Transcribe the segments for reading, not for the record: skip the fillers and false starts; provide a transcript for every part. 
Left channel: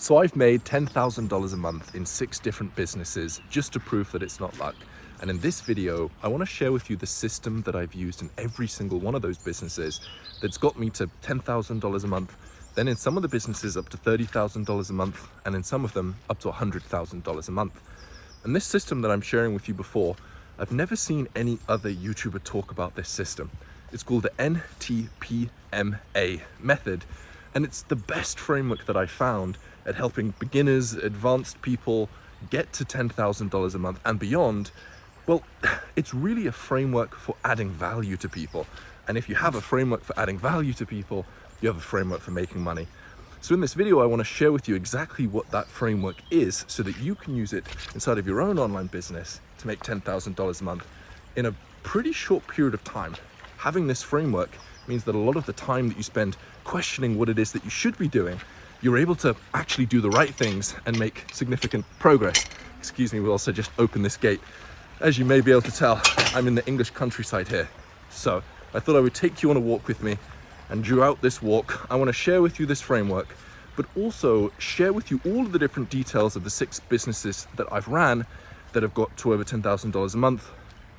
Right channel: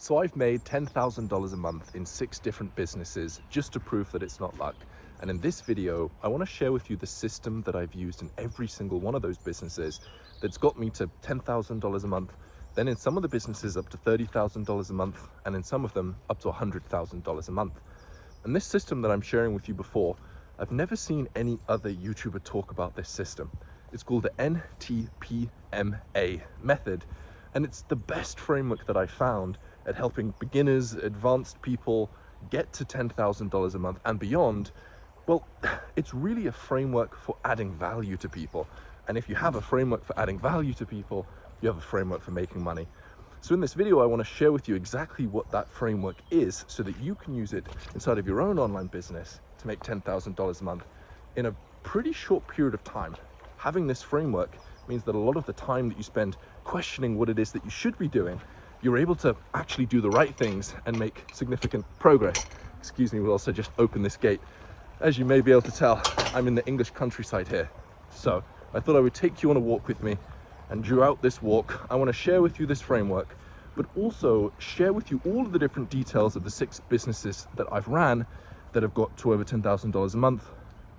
So I've made $10,000 a month in 6 different businesses just to prove that it's not luck. And in this video, I want to share with you the system that I've used in every single one of those businesses that's got me to $10,000 a month, then in some of the businesses up to $30,000 a month, and in some of them up to $100,000 a month. And this system that I'm sharing with you before, I've never seen any other YouTuber talk about this system. It's called the NTPMA method, and it's the best framework that I found at helping beginners, advanced people get to $10,000 a month and beyond. Well, it's really a framework for adding value to people. And if you have a framework for adding value to people, you have a framework for making money. So in this video, I want to share with you exactly what that framework is so that you can use it inside of your own online business to make $10,000 a month in a pretty short period of time. Having this framework means that a lot of the time that you spend questioning what it is that you should be doing, you're able to actually do the right things and make significant progress. Excuse me, we'll also just open this gate. As you may be able to tell, I'm in the English countryside here. So I thought I would take you on a walk with me, and throughout this walk, I want to share with you this framework, but also share with you all of the different details of the 6 businesses that I've ran that have got to over $10,000 a month,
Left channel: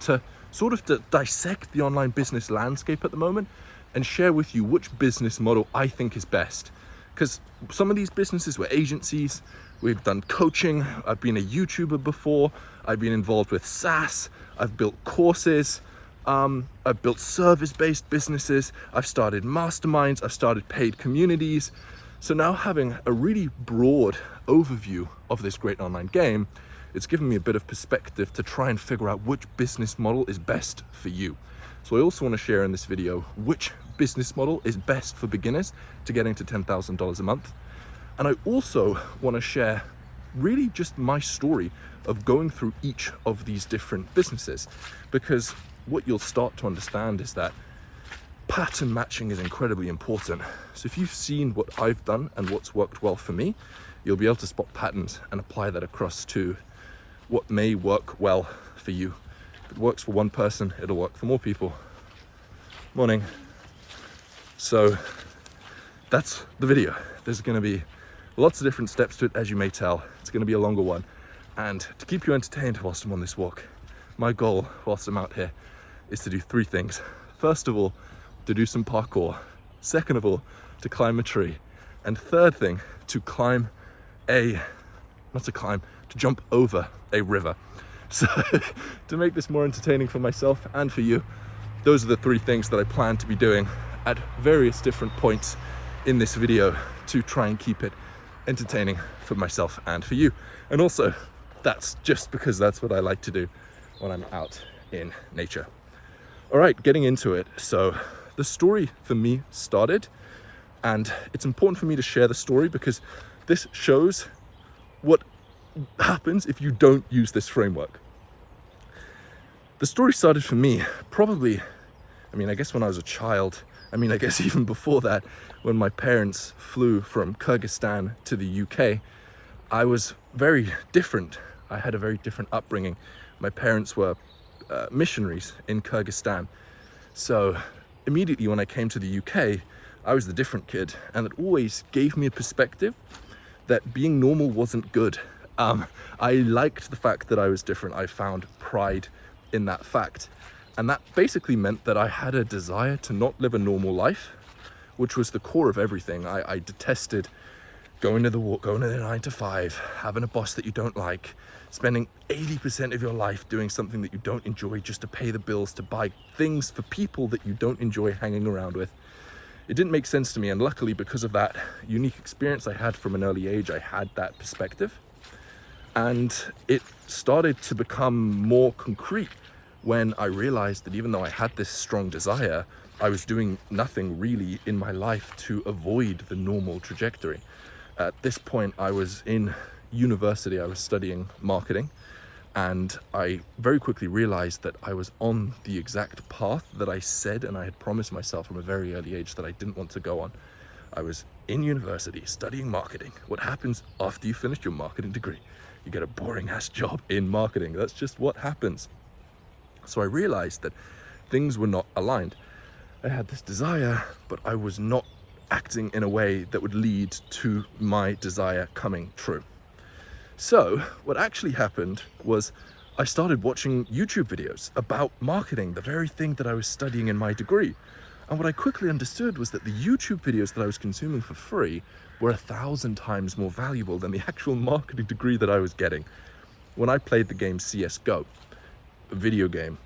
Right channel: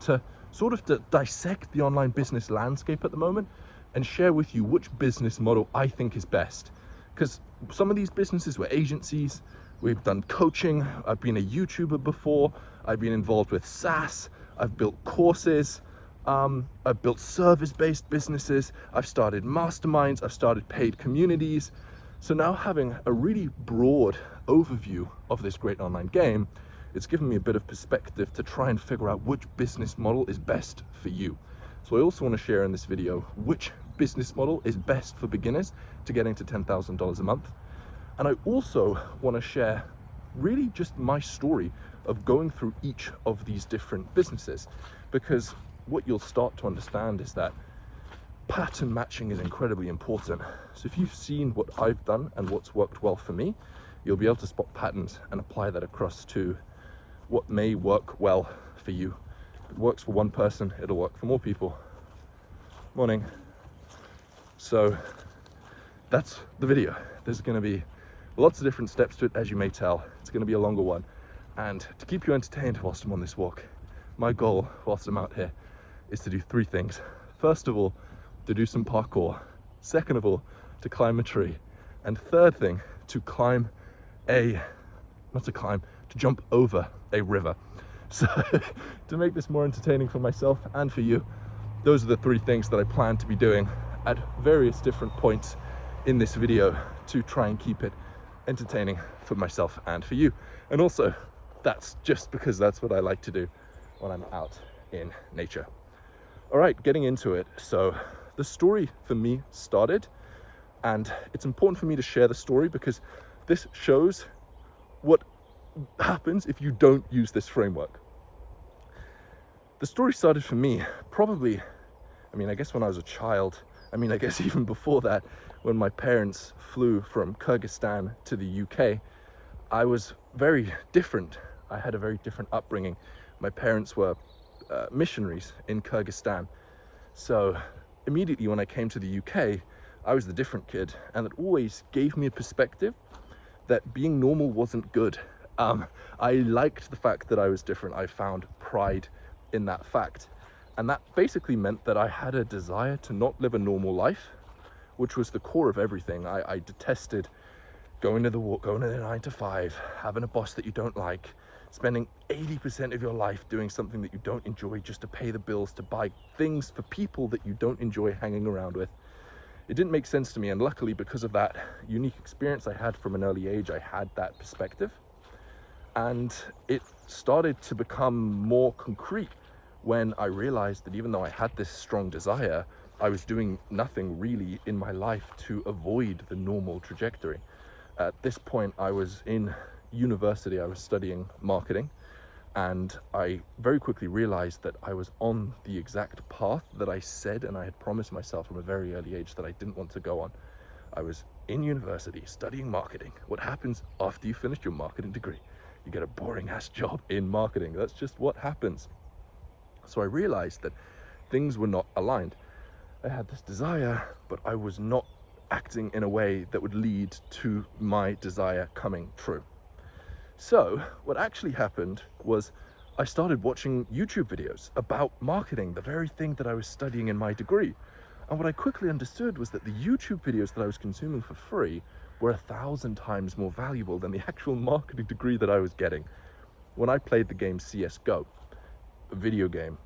to sort of dissect the online business landscape at the moment and share with you which business model I think is best. Because some of these businesses were agencies, we've done coaching, I've been a YouTuber before, I've been involved with SaaS, I've built courses, I've built service-based businesses, I've started masterminds, I've started paid communities. So now having a really broad overview of this great online game, it's given me a bit of perspective to try and figure out which business model is best for you. So I also want to share in this video which business model is best for beginners to getting to $10,000 a month. And I also want to share really just my story of going through each of these different businesses, because what you'll start to understand is that pattern matching is incredibly important. So if you've seen what I've done and what's worked well for me, you'll be able to spot patterns and apply that across to what may work well for you. If it works for one person, it'll work for more people. Morning. So that's the video. There's going to be lots of different steps to it, as you may tell. It's going to be a longer one. And to keep you entertained whilst I'm on this walk, my goal whilst I'm out here is to do 3 things. First of all, to do some parkour. Second of all, to climb a tree. And third thing, to jump over a river. So to make this more entertaining for myself and for you, those are the 3 things that I plan to be doing at various different points in this video to try and keep it entertaining for myself and for you. And also, that's just because that's what I like to do when I'm out in nature. All right, getting into it. So the story for me started, and it's important for me to share the story because this shows what happens if you don't use this framework. The story started for me probably, I guess when I was a child. I guess even before that, when my parents flew from Kyrgyzstan to the UK, I was very different. I had a very different upbringing. My parents were missionaries in Kyrgyzstan. So immediately when I came to the UK, I was the different kid, and it always gave me a perspective that being normal wasn't good. I liked the fact that I was different. I found pride in that fact. And that basically meant that I had a desire to not live a normal life, which was the core of everything. I detested going to the 9 to 5, having a boss that you don't like, spending 80% of your life doing something that you don't enjoy just to pay the bills, to buy things for people that you don't enjoy hanging around with. It didn't make sense to me, and luckily because of that unique experience I had from an early age, I had that perspective. And it started to become more concrete when I realized that even though I had this strong desire, I was doing nothing really in my life to avoid the normal trajectory. At this point, I was in university, I was studying marketing, and I very quickly realized that I was on the exact path that I said and I had promised myself from a very early age that I didn't want to go on. I was in university studying marketing. What happens after you finish your marketing degree? You get a boring ass job in marketing. That's just what happens. So I realized that things were not aligned. I had this desire, but I was not acting in a way that would lead to my desire coming true. So what actually happened was I started watching YouTube videos about marketing, the very thing that I was studying in my degree. And what I quickly understood was that the YouTube videos that I was consuming for free were 1,000 times more valuable than the actual marketing degree that I was getting. When I played the game CSGO, a video game,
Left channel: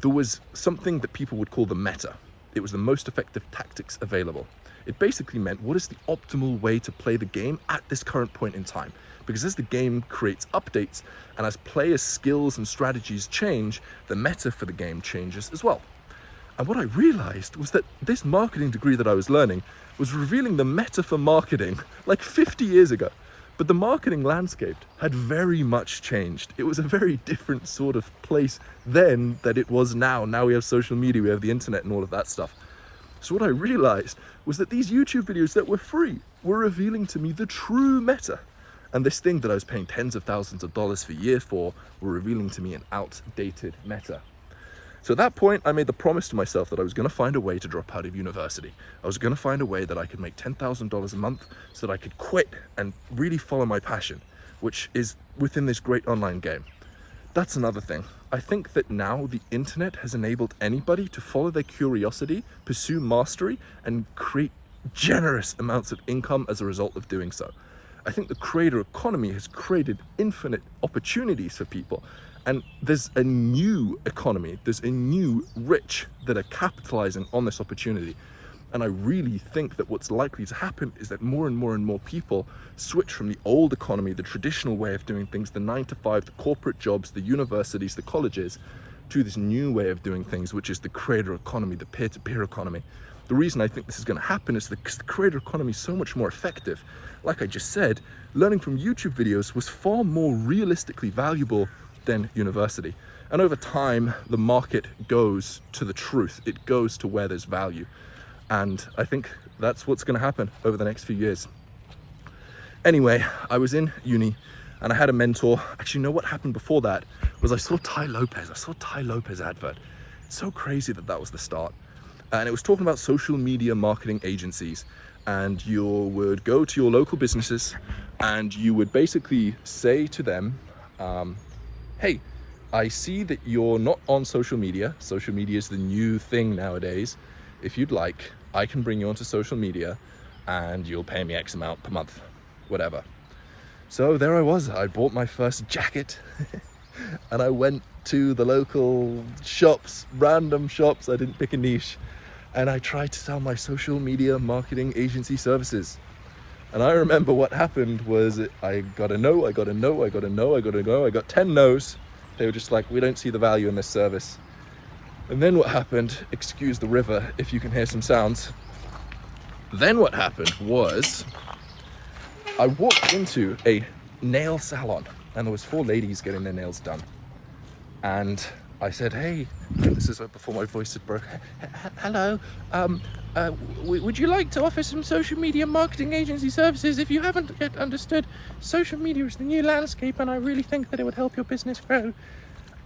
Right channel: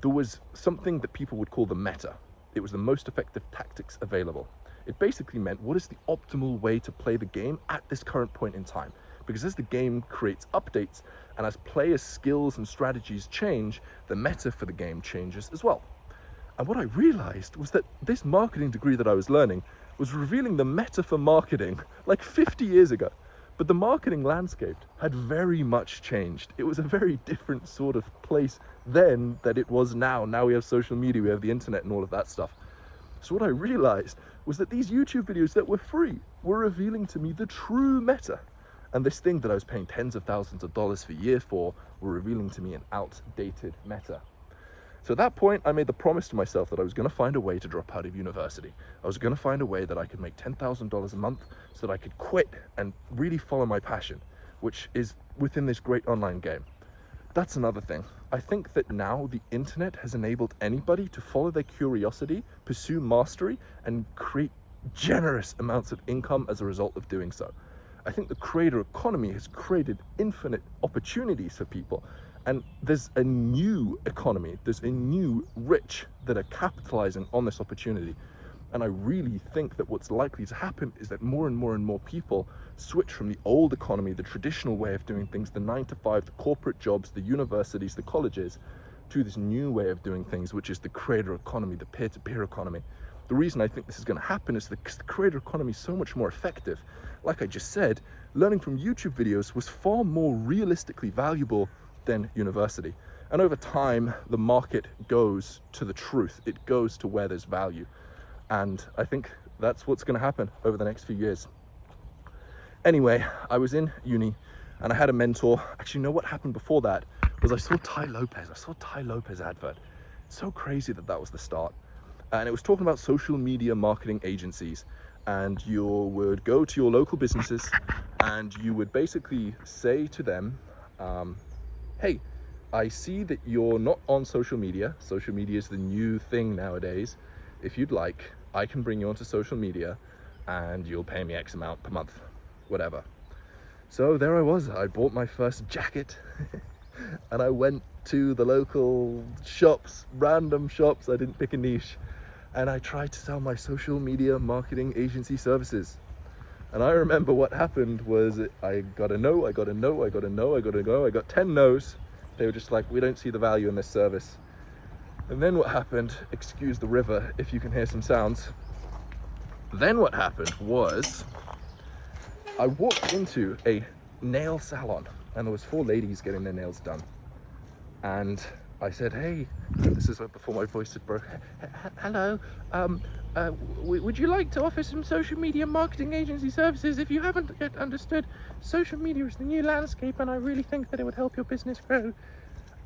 there was something that people would call the meta. It was the most effective tactics available. It basically meant what is the optimal way to play the game at this current point in time. Because as the game creates updates and as players' skills and strategies change, the meta for the game changes as well. And what I realized was that this marketing degree that I was learning was revealing the meta for marketing like 50 years ago. But the marketing landscape had very much changed. It was a very different sort of place then than it was now. Now we have social media, we have the internet and all of that stuff. So what I realized was that these YouTube videos that were free were revealing to me the true meta. And this thing that I was paying tens of thousands of dollars for years for were revealing to me an outdated meta. So at that point, I made the promise to myself that I was going to find a way to drop out of university. I was going to find a way that I could make $10,000 a month so that I could quit and really follow my passion, which is within this great online game. That's another thing. I think that now the internet has enabled anybody to follow their curiosity, pursue mastery, and create generous amounts of income as a result of doing so. I think the creator economy has created infinite opportunities for people. And there's a new economy, there's a new rich that are capitalizing on this opportunity. And I really think that what's likely to happen is that more and more and more people switch from the old economy, the traditional way of doing things, the 9 to 5, the corporate jobs, the universities, the colleges, to this new way of doing things, which is the creator economy, the peer-to-peer economy. The reason I think this is going to happen is because the creator economy is so much more effective. Like I just said, learning from YouTube videos was far more realistically valuable than university. And over time, the market goes to the truth. It goes to where there's value. And I think that's what's going to happen over the next few years. Anyway, I was in uni and I had a mentor. Actually, you know what happened before that was I saw Tai Lopez. I saw Tai Lopez advert. It's so crazy that that was the start. And it was talking about social media marketing agencies. And you would go to your local businesses and you would basically say to them, hey, I see that you're not on social media. Social media is the new thing nowadays. If you'd like, I can bring you onto social media and you'll pay me X amount per month, whatever. So there I was. I bought my first jacket and I went to the local shops, random shops. I didn't pick a niche. And I tried to sell my social media marketing agency services. And I remember what happened was I got a no, I got a no, I got a no, I got a no, I got 10 no's. They were just like, we don't see the value in this service. And then what happened, excuse the river if you can hear some sounds. Then what happened was I walked into a nail salon and there was 4 ladies getting their nails done. And I said, hey, this is before my voice had broken. Hello, would you like to offer some social media marketing agency services? If you haven't yet understood, social media is the new landscape and I really think that it would help your business grow.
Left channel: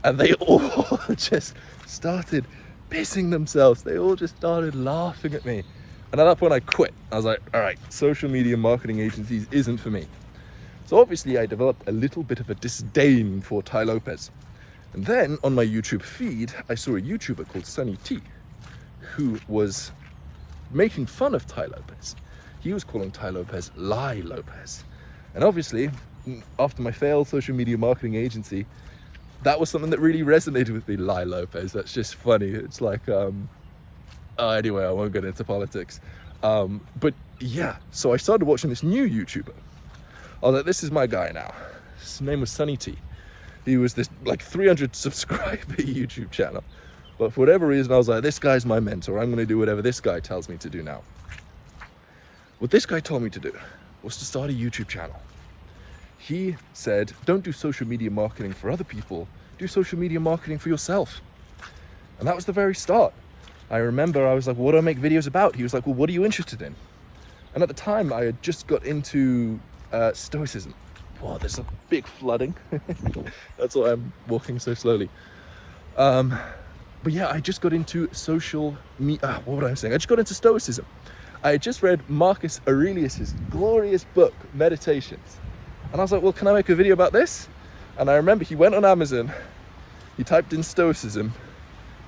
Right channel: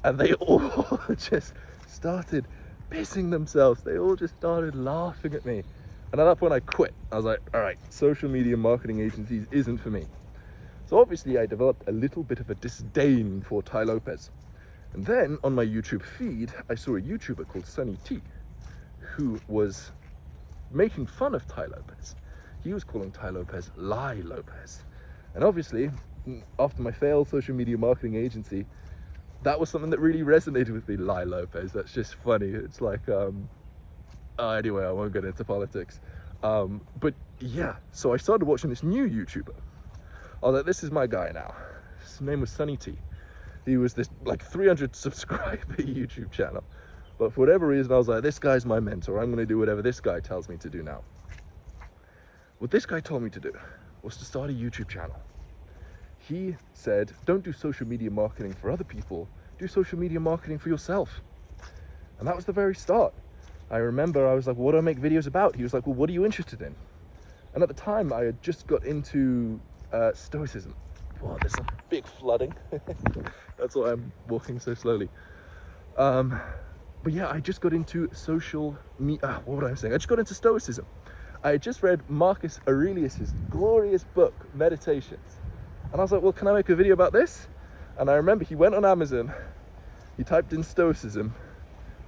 And they all just started pissing themselves. They all just started laughing at me. And at that point I quit. I was like, all right, social media marketing agencies isn't for me. So obviously I developed a little bit of a disdain for Tai Lopez. And then on my YouTube feed, I saw a YouTuber called Sunny T, who was making fun of Tai Lopez. He was calling Tai Lopez Lie Lopez. And obviously, after my failed social media marketing agency, that was something that really resonated with me, Lie Lopez. That's just funny. It's like, anyway, I won't get into politics. But yeah, so I started watching this new YouTuber. I was like, this is my guy now. His name was Sunny T. He was this like 300 subscriber YouTube channel. But for whatever reason, I was like, this guy's my mentor. I'm gonna do whatever this guy tells me to do now. What this guy told me to do was to start a YouTube channel. He said, don't do social media marketing for other people, do social media marketing for yourself. And that was the very start. I remember I was like, what do I make videos about? He was like, well, what are you interested in? And at the time I had just got into Stoicism. Wow, there's a big flooding. That's why I'm walking so slowly. But yeah, I just got into what was I saying? I just got into Stoicism. I had just read Marcus Aurelius's glorious book, Meditations. And I was like, well, can I make a video about this? And I remember he went on Amazon, he typed in Stoicism,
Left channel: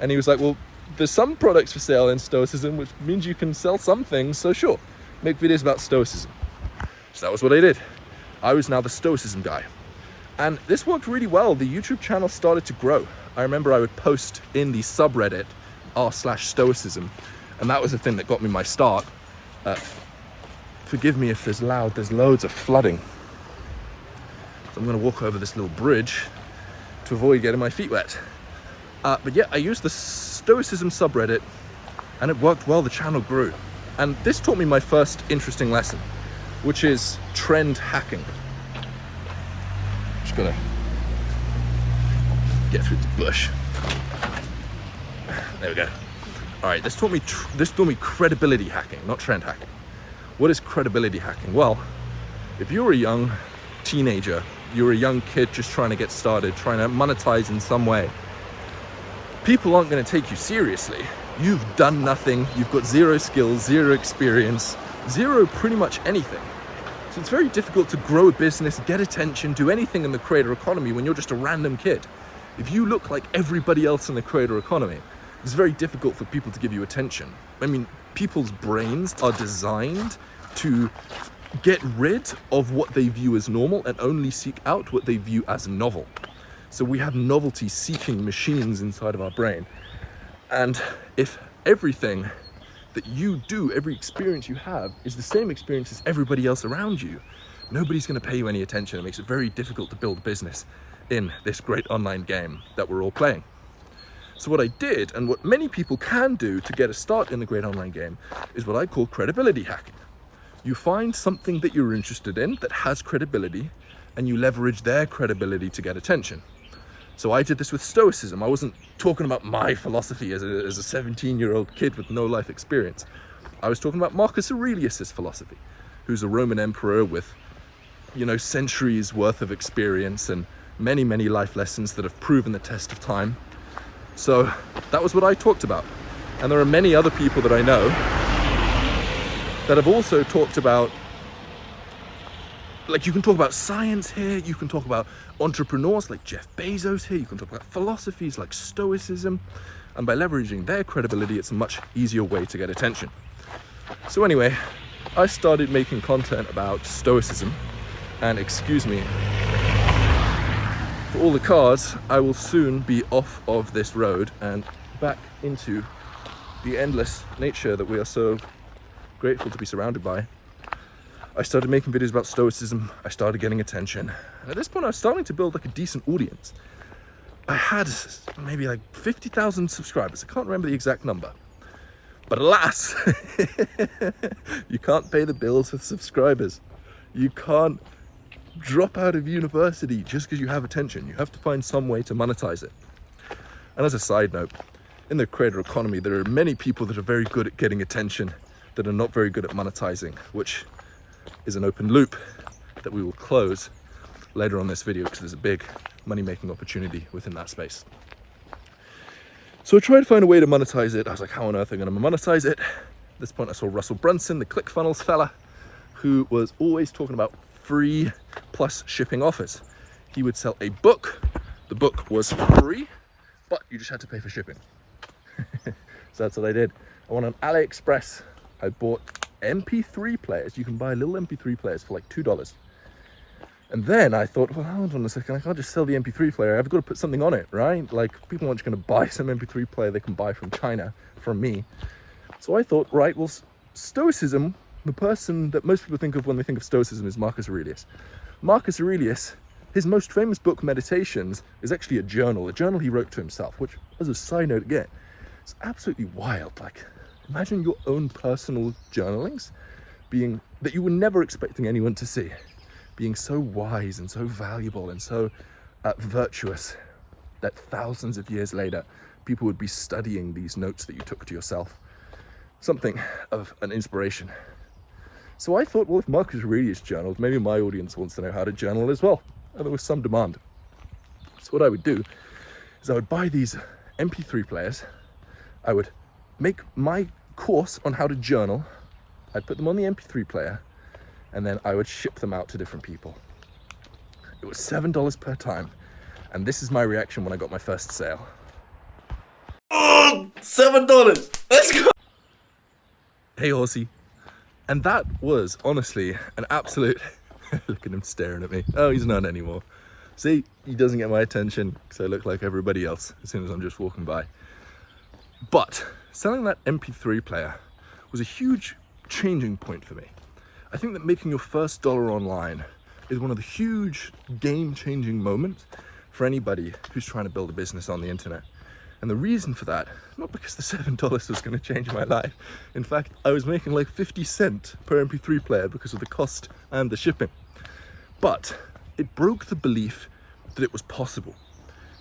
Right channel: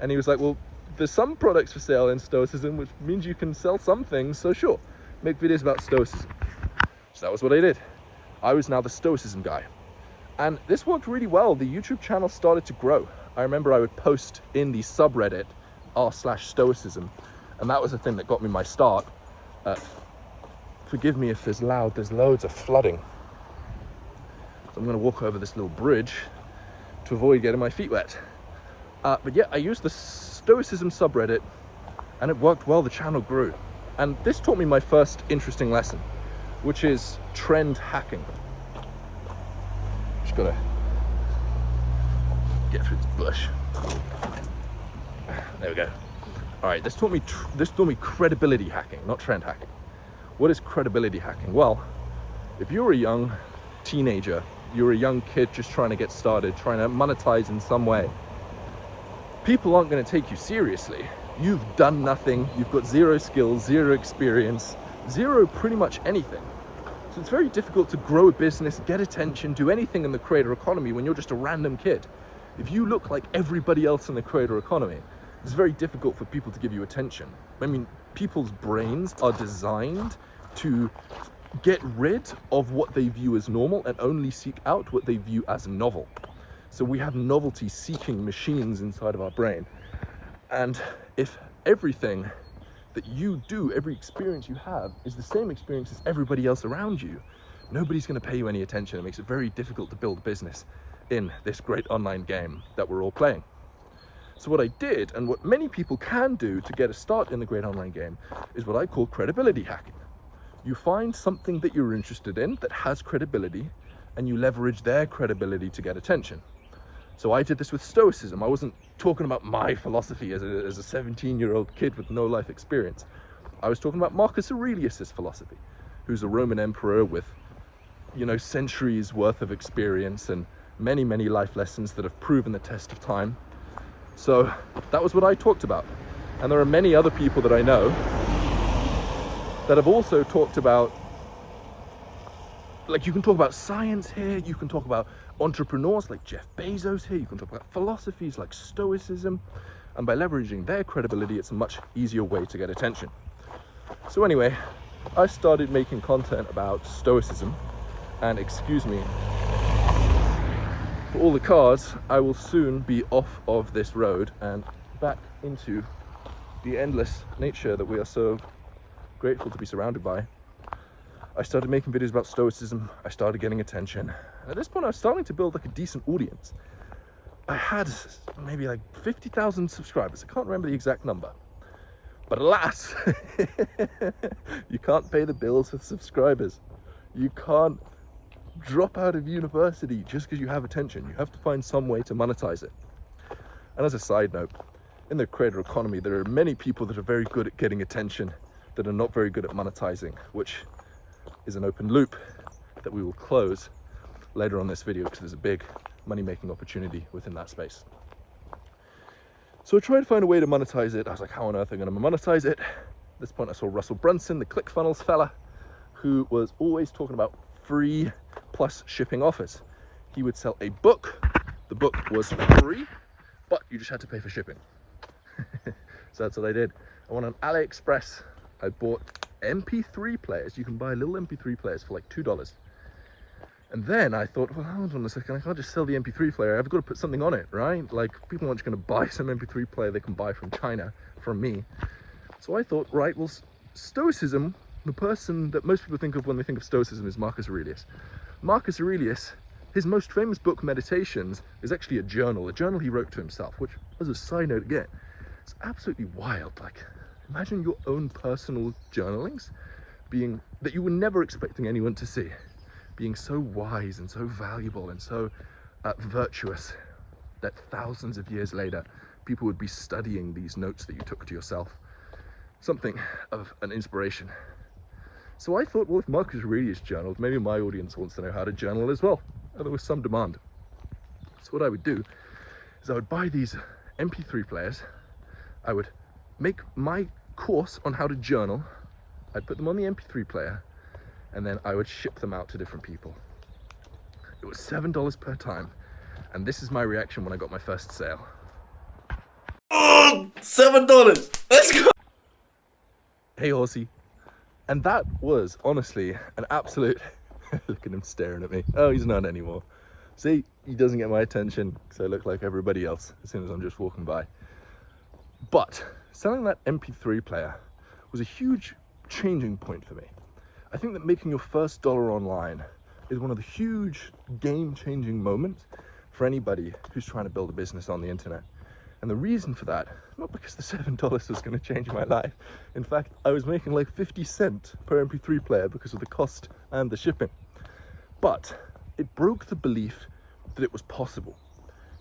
and he was like, well, there's some products for sale in Stoicism, which means you can sell some things, so sure, make videos about Stoicism. So that was what I did. I was now the Stoicism guy. And this worked really well. The YouTube channel started to grow. I remember I would post in the subreddit r/Stoicism, and that was the thing that got me my start. Forgive me if there's loads of flooding. So I'm gonna walk over this little bridge to avoid getting my feet wet. But yeah, I used the Stoicism subreddit and it worked well, the channel grew. And this taught me my first interesting lesson, which is trend hacking. Just gonna get through the bush. There we go. All right, this taught me credibility hacking, not trend hacking. What is credibility hacking? Well, if you're a young teenager, you're a young kid just trying to get started, trying to monetize in some way, people aren't going to take you seriously. You've done nothing, you've got zero skills, zero experience, zero pretty much anything. So it's very difficult to grow a business, get attention, do anything in the creator economy when you're just a random kid. If you look like everybody else in the creator economy, it's very difficult for people to give you attention. I mean, people's brains are designed to get rid of what they view as normal and only seek out what they view as novel. So we have novelty-seeking machines inside of our brain. And if everything that you do, every experience you have, is the same experience as everybody else around you, nobody's going to pay you any attention. It makes it very difficult to build a business in this great online game that we're all playing. So what I did, and what many people can do to get a start in the great online game, is what I call credibility hacking. You find something that you're interested in that has credibility, and you leverage their credibility to get attention. So I did this with Stoicism. I wasn't talking about my philosophy as a 17-year-old kid with no life experience. I was talking about Marcus Aurelius's philosophy, who's a Roman emperor with, centuries worth of experience and many, many life lessons that have proven the test of time. So that was what I talked about. And there are many other people that I know that have also talked about, like, you can talk about science here, you can talk about entrepreneurs like Jeff Bezos here, you can talk about philosophies like Stoicism, and by leveraging their credibility, it's a much easier way to get attention. So anyway, I started making content about Stoicism, and excuse me, for all the cars, I will soon be off of this road and back into the endless nature that we are so grateful to be surrounded by. I started making videos about Stoicism, I started getting attention, and at this point I was starting to build like a decent audience. I had maybe like 50,000 subscribers, I can't remember the exact number. But alas, you can't pay the bills with subscribers. You can't drop out of university just because you have attention. You have to find some way to monetize it. And as a side note, in the creator economy, there are many people that are very good at getting attention that are not very good at monetizing, which is an open loop that we will close later on this video because there's a big money-making opportunity within that space. So I tried to find a way to monetize it. I was like, how on earth am I going to monetize it? At this point I saw Russell Brunson, the ClickFunnels fella, who was always talking about free plus shipping offers. He would sell a book. The book was free, but you just had to pay for shipping. So that's what I did. I went on AliExpress. I bought MP3 players. You can buy little MP3 players for like $2. And then I thought, well, hold on a second, I can't just sell the MP3 player. I've got to put something on it, right? Like, people aren't just going to buy some MP3 player they can buy from China from me. So I thought, right, well, Stoicism, the person that most people think of when they think of Stoicism is Marcus Aurelius. Marcus Aurelius, his most famous book, Meditations, is actually a journal he wrote to himself, which, as a side note again, it's absolutely wild. Like, imagine your own personal journalings that you were never expecting anyone to see, being so wise and so valuable and so virtuous that thousands of years later, people would be studying these notes that you took to yourself. Something of an inspiration. So I thought, well, if Marcus Aurelius journaled, maybe my audience wants to know how to journal as well. And there was some demand. So what I would do is I would buy these MP3 players. I would make my course on how to journal I'd put them on the MP3 player, and then I would ship them out to different people. It was $7 per time, and this is my reaction when I got my first sale. Oh, $7. Let's go. Hey horsey. And that was honestly an absolute look at him staring at me. Oh, he's not anymore. See, he doesn't get my attention because I look like everybody else as soon as I'm just walking by. But selling that MP3 player was a huge changing point for me. I think that making your first dollar online is one of the huge game-changing moments for anybody who's trying to build a business on the internet. And the reason for that, not because the $7 was going to change my life. In fact, I was making like 50 cents per MP3 player because of the cost and the shipping. But it broke the belief that it was possible.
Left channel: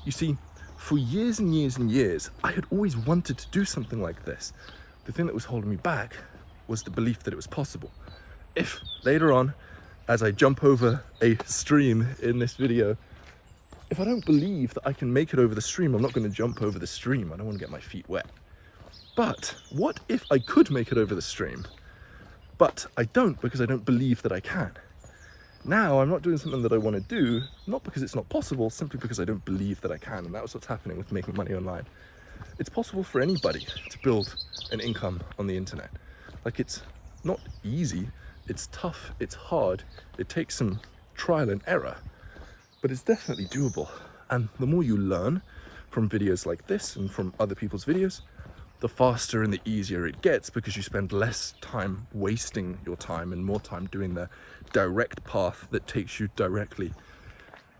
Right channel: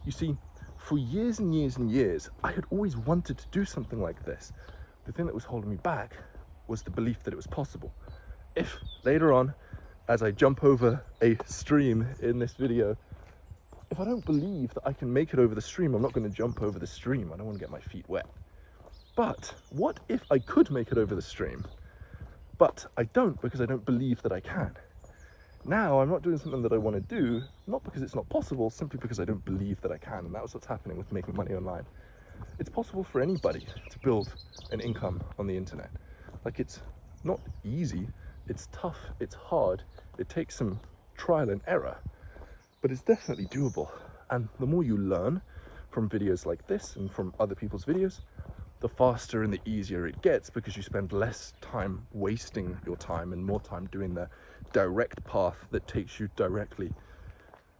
You see, for years and years and years, I had always wanted to do something like this. The thing that was holding me back was the belief that it was possible. If later on, as I jump over a stream in this video, if I don't believe that I can make it over the stream, I'm not going to jump over the stream. I don't want to get my feet wet. But what if I could make it over the stream, but I don't because I don't believe that I can? Now I'm not doing something that I want to do, not because it's not possible, simply because I don't believe that I can. And that was what's happening with making money online. It's possible for anybody to build an income on the internet. Like, it's not easy, it's tough, it's hard, it takes some trial and error, but it's definitely doable. And the more you learn from videos like this and from other people's videos, the faster and the easier it gets, because you spend less time wasting your time and more time doing the direct path that takes you directly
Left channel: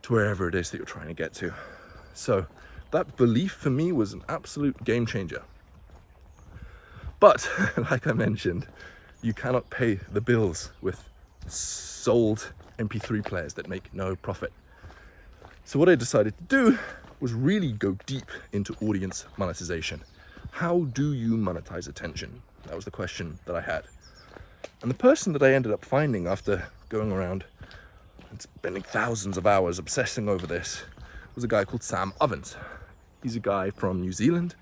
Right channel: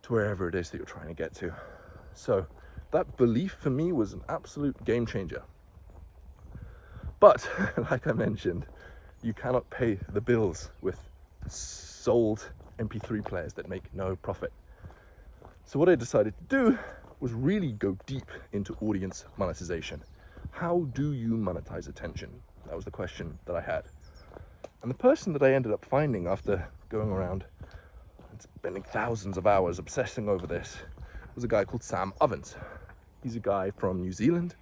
to wherever it is that you're trying to get to. So that belief for me was an absolute game changer. But like I mentioned, you cannot pay the bills with sold MP3 players that make no profit. So what I decided to do was really go deep into audience monetization. How do you monetize attention? That was the question that I had. And the person that I ended up finding after going around and spending thousands of hours obsessing over this was a guy called Sam Ovens. He's a guy from New Zealand.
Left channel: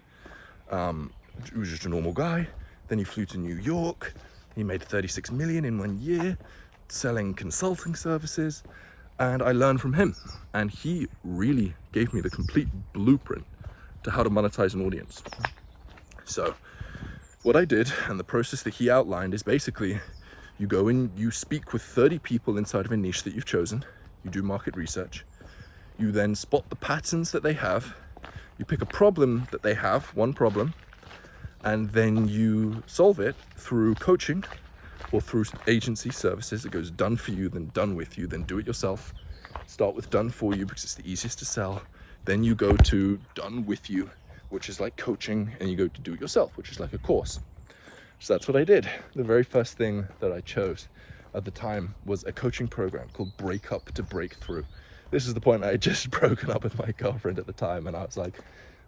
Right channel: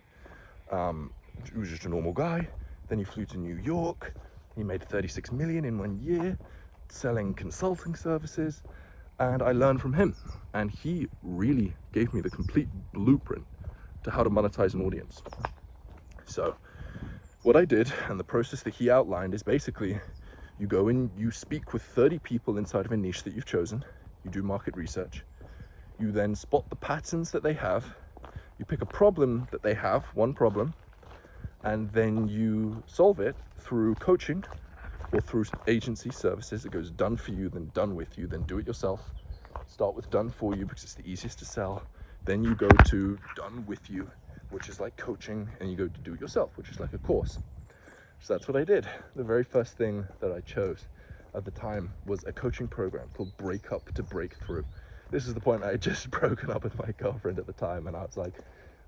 He was just a normal guy. Then he flew to New York. He made 36 million in 1 year selling consulting services. And I learned from him. And he really gave me the complete blueprint to how to monetize an audience. So what I did, and the process that he outlined, is basically you go in, you speak with 30 people inside of a niche that you've chosen, you do market research, you then spot the patterns that they have, you pick a problem that they have, one problem, and then you solve it through coaching or through agency services that goes done for you, then done with you, then do it yourself. Start with done for you because it's the easiest to sell. Then you go to done with you, which is like coaching, and you go to do it yourself, which is like a course. So that's what I did. The very first thing that I chose at the time was a coaching program called Break Up to Breakthrough. This is the point I had just broken up with my girlfriend at the time, and I was like,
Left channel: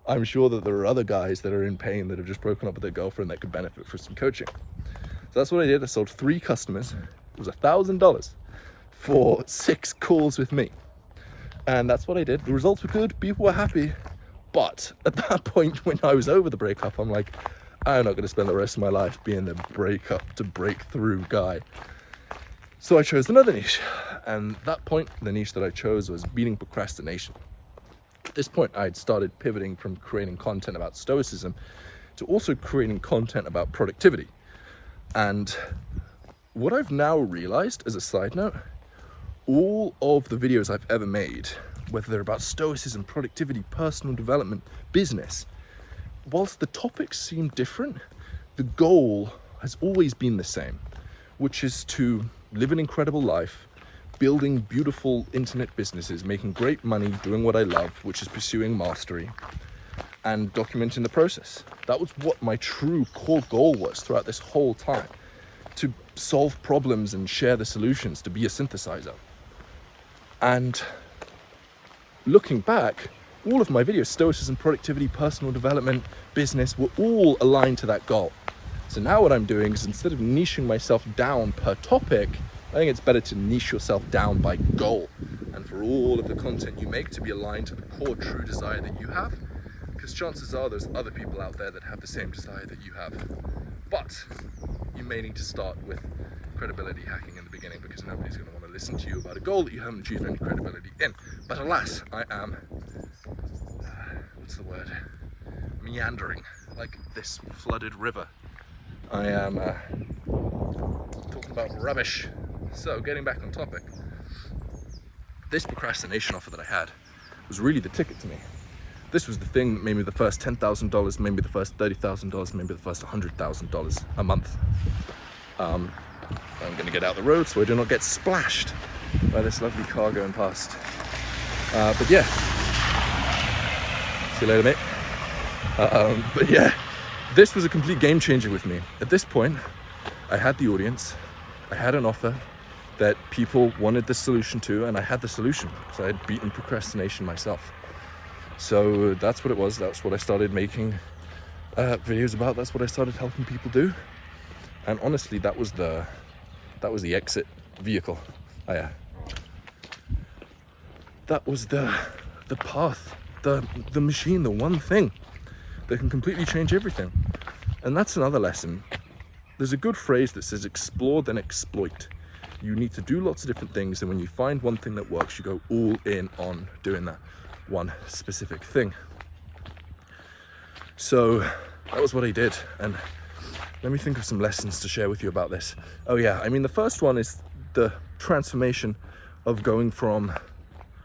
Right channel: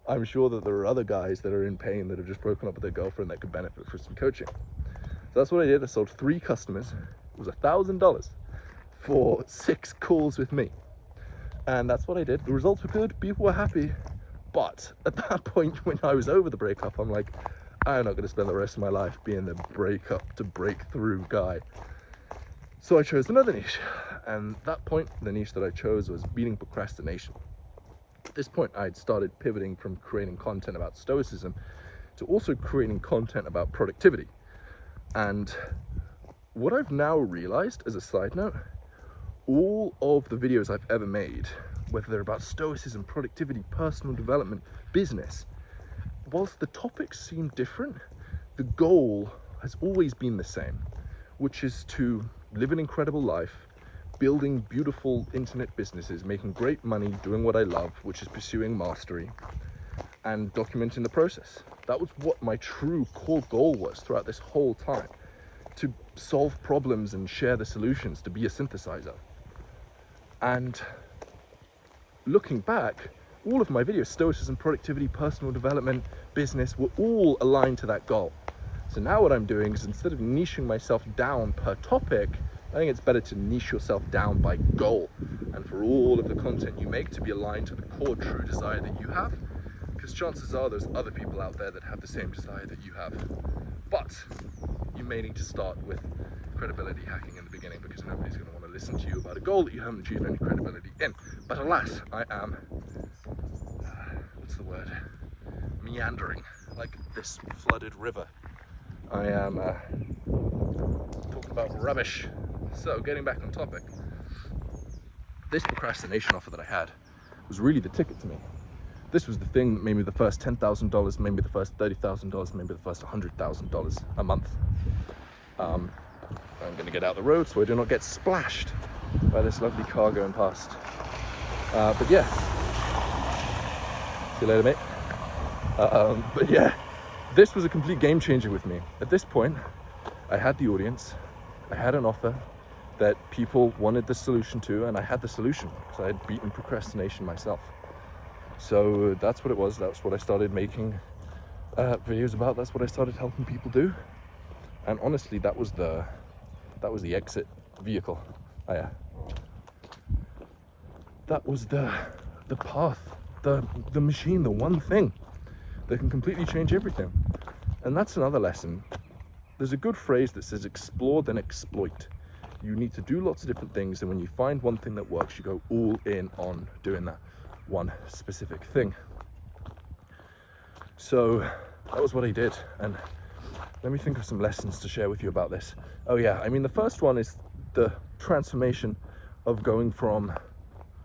I'm sure that there are other guys that are in pain that have just broken up with their girlfriend that could benefit from some coaching. So that's what I did. I sold 3 customers. It was $1,000 for 6 calls with me. And that's what I did. The results were good, people were happy. But at that point, when I was over the breakup, I'm like, I'm not going to spend the rest of my life being the breakup to breakthrough guy. So I chose another niche. And at that point, the niche that I chose was beating procrastination. At this point, I had started pivoting from creating content about stoicism to also creating content about productivity. And what I've now realized, as a side note, all of the videos I've ever made, whether they're about stoicism, productivity, personal development, business, whilst the topics seem different, the goal has always been the same, which is to live an incredible life, building beautiful internet businesses, making great money, doing what I love, which is pursuing mastery, and documenting the process. That was what my true core goal was throughout this whole time, to solve problems and share the solutions, to be a synthesizer. And looking back, all of my videos, stoicism, productivity, personal development, business, were all aligned to that goal. So now what I'm doing is, instead of niching myself down per topic, I think it's better to niche yourself down by goal, and for all of the content you make to be aligned to the core true desire that you have, because chances are there's other people out there that have the same desire that you have. But you may need to start with credibility hacking in the beginning, because nobody's going to want to listen to you about a goal that you haven't achieved any credibility in. But alas, I am, what's the word, meandering like this flooded river. I am talking about rubbish. So getting back on topic, this procrastination offer that I had was really the ticket to me. This was the thing that made me the first $10,000, maybe the first $30,000, maybe the first $100,000 a month. I'm going to get out the road so I do not get splashed by this lovely car going past. But yeah, see you later, mate. But yeah, this was a complete game changer with me. At this point, I had the audience, I had an offer that people wanted the solution to, and I had the solution because I had beaten procrastination myself. So that's what it was. That's what I started making videos about. That's what I started helping people do. And honestly, that was the exit vehicle. That was the path, the machine, the one thing that can completely change everything. And that's another lesson. There's a good phrase that says explore then exploit. You need to do lots of different things, and when you find one thing that works, you go all in on doing that one specific thing. So that was what I did, and let me think of some lessons to share with you about this. Oh yeah, I mean, the first one is the transformation of going from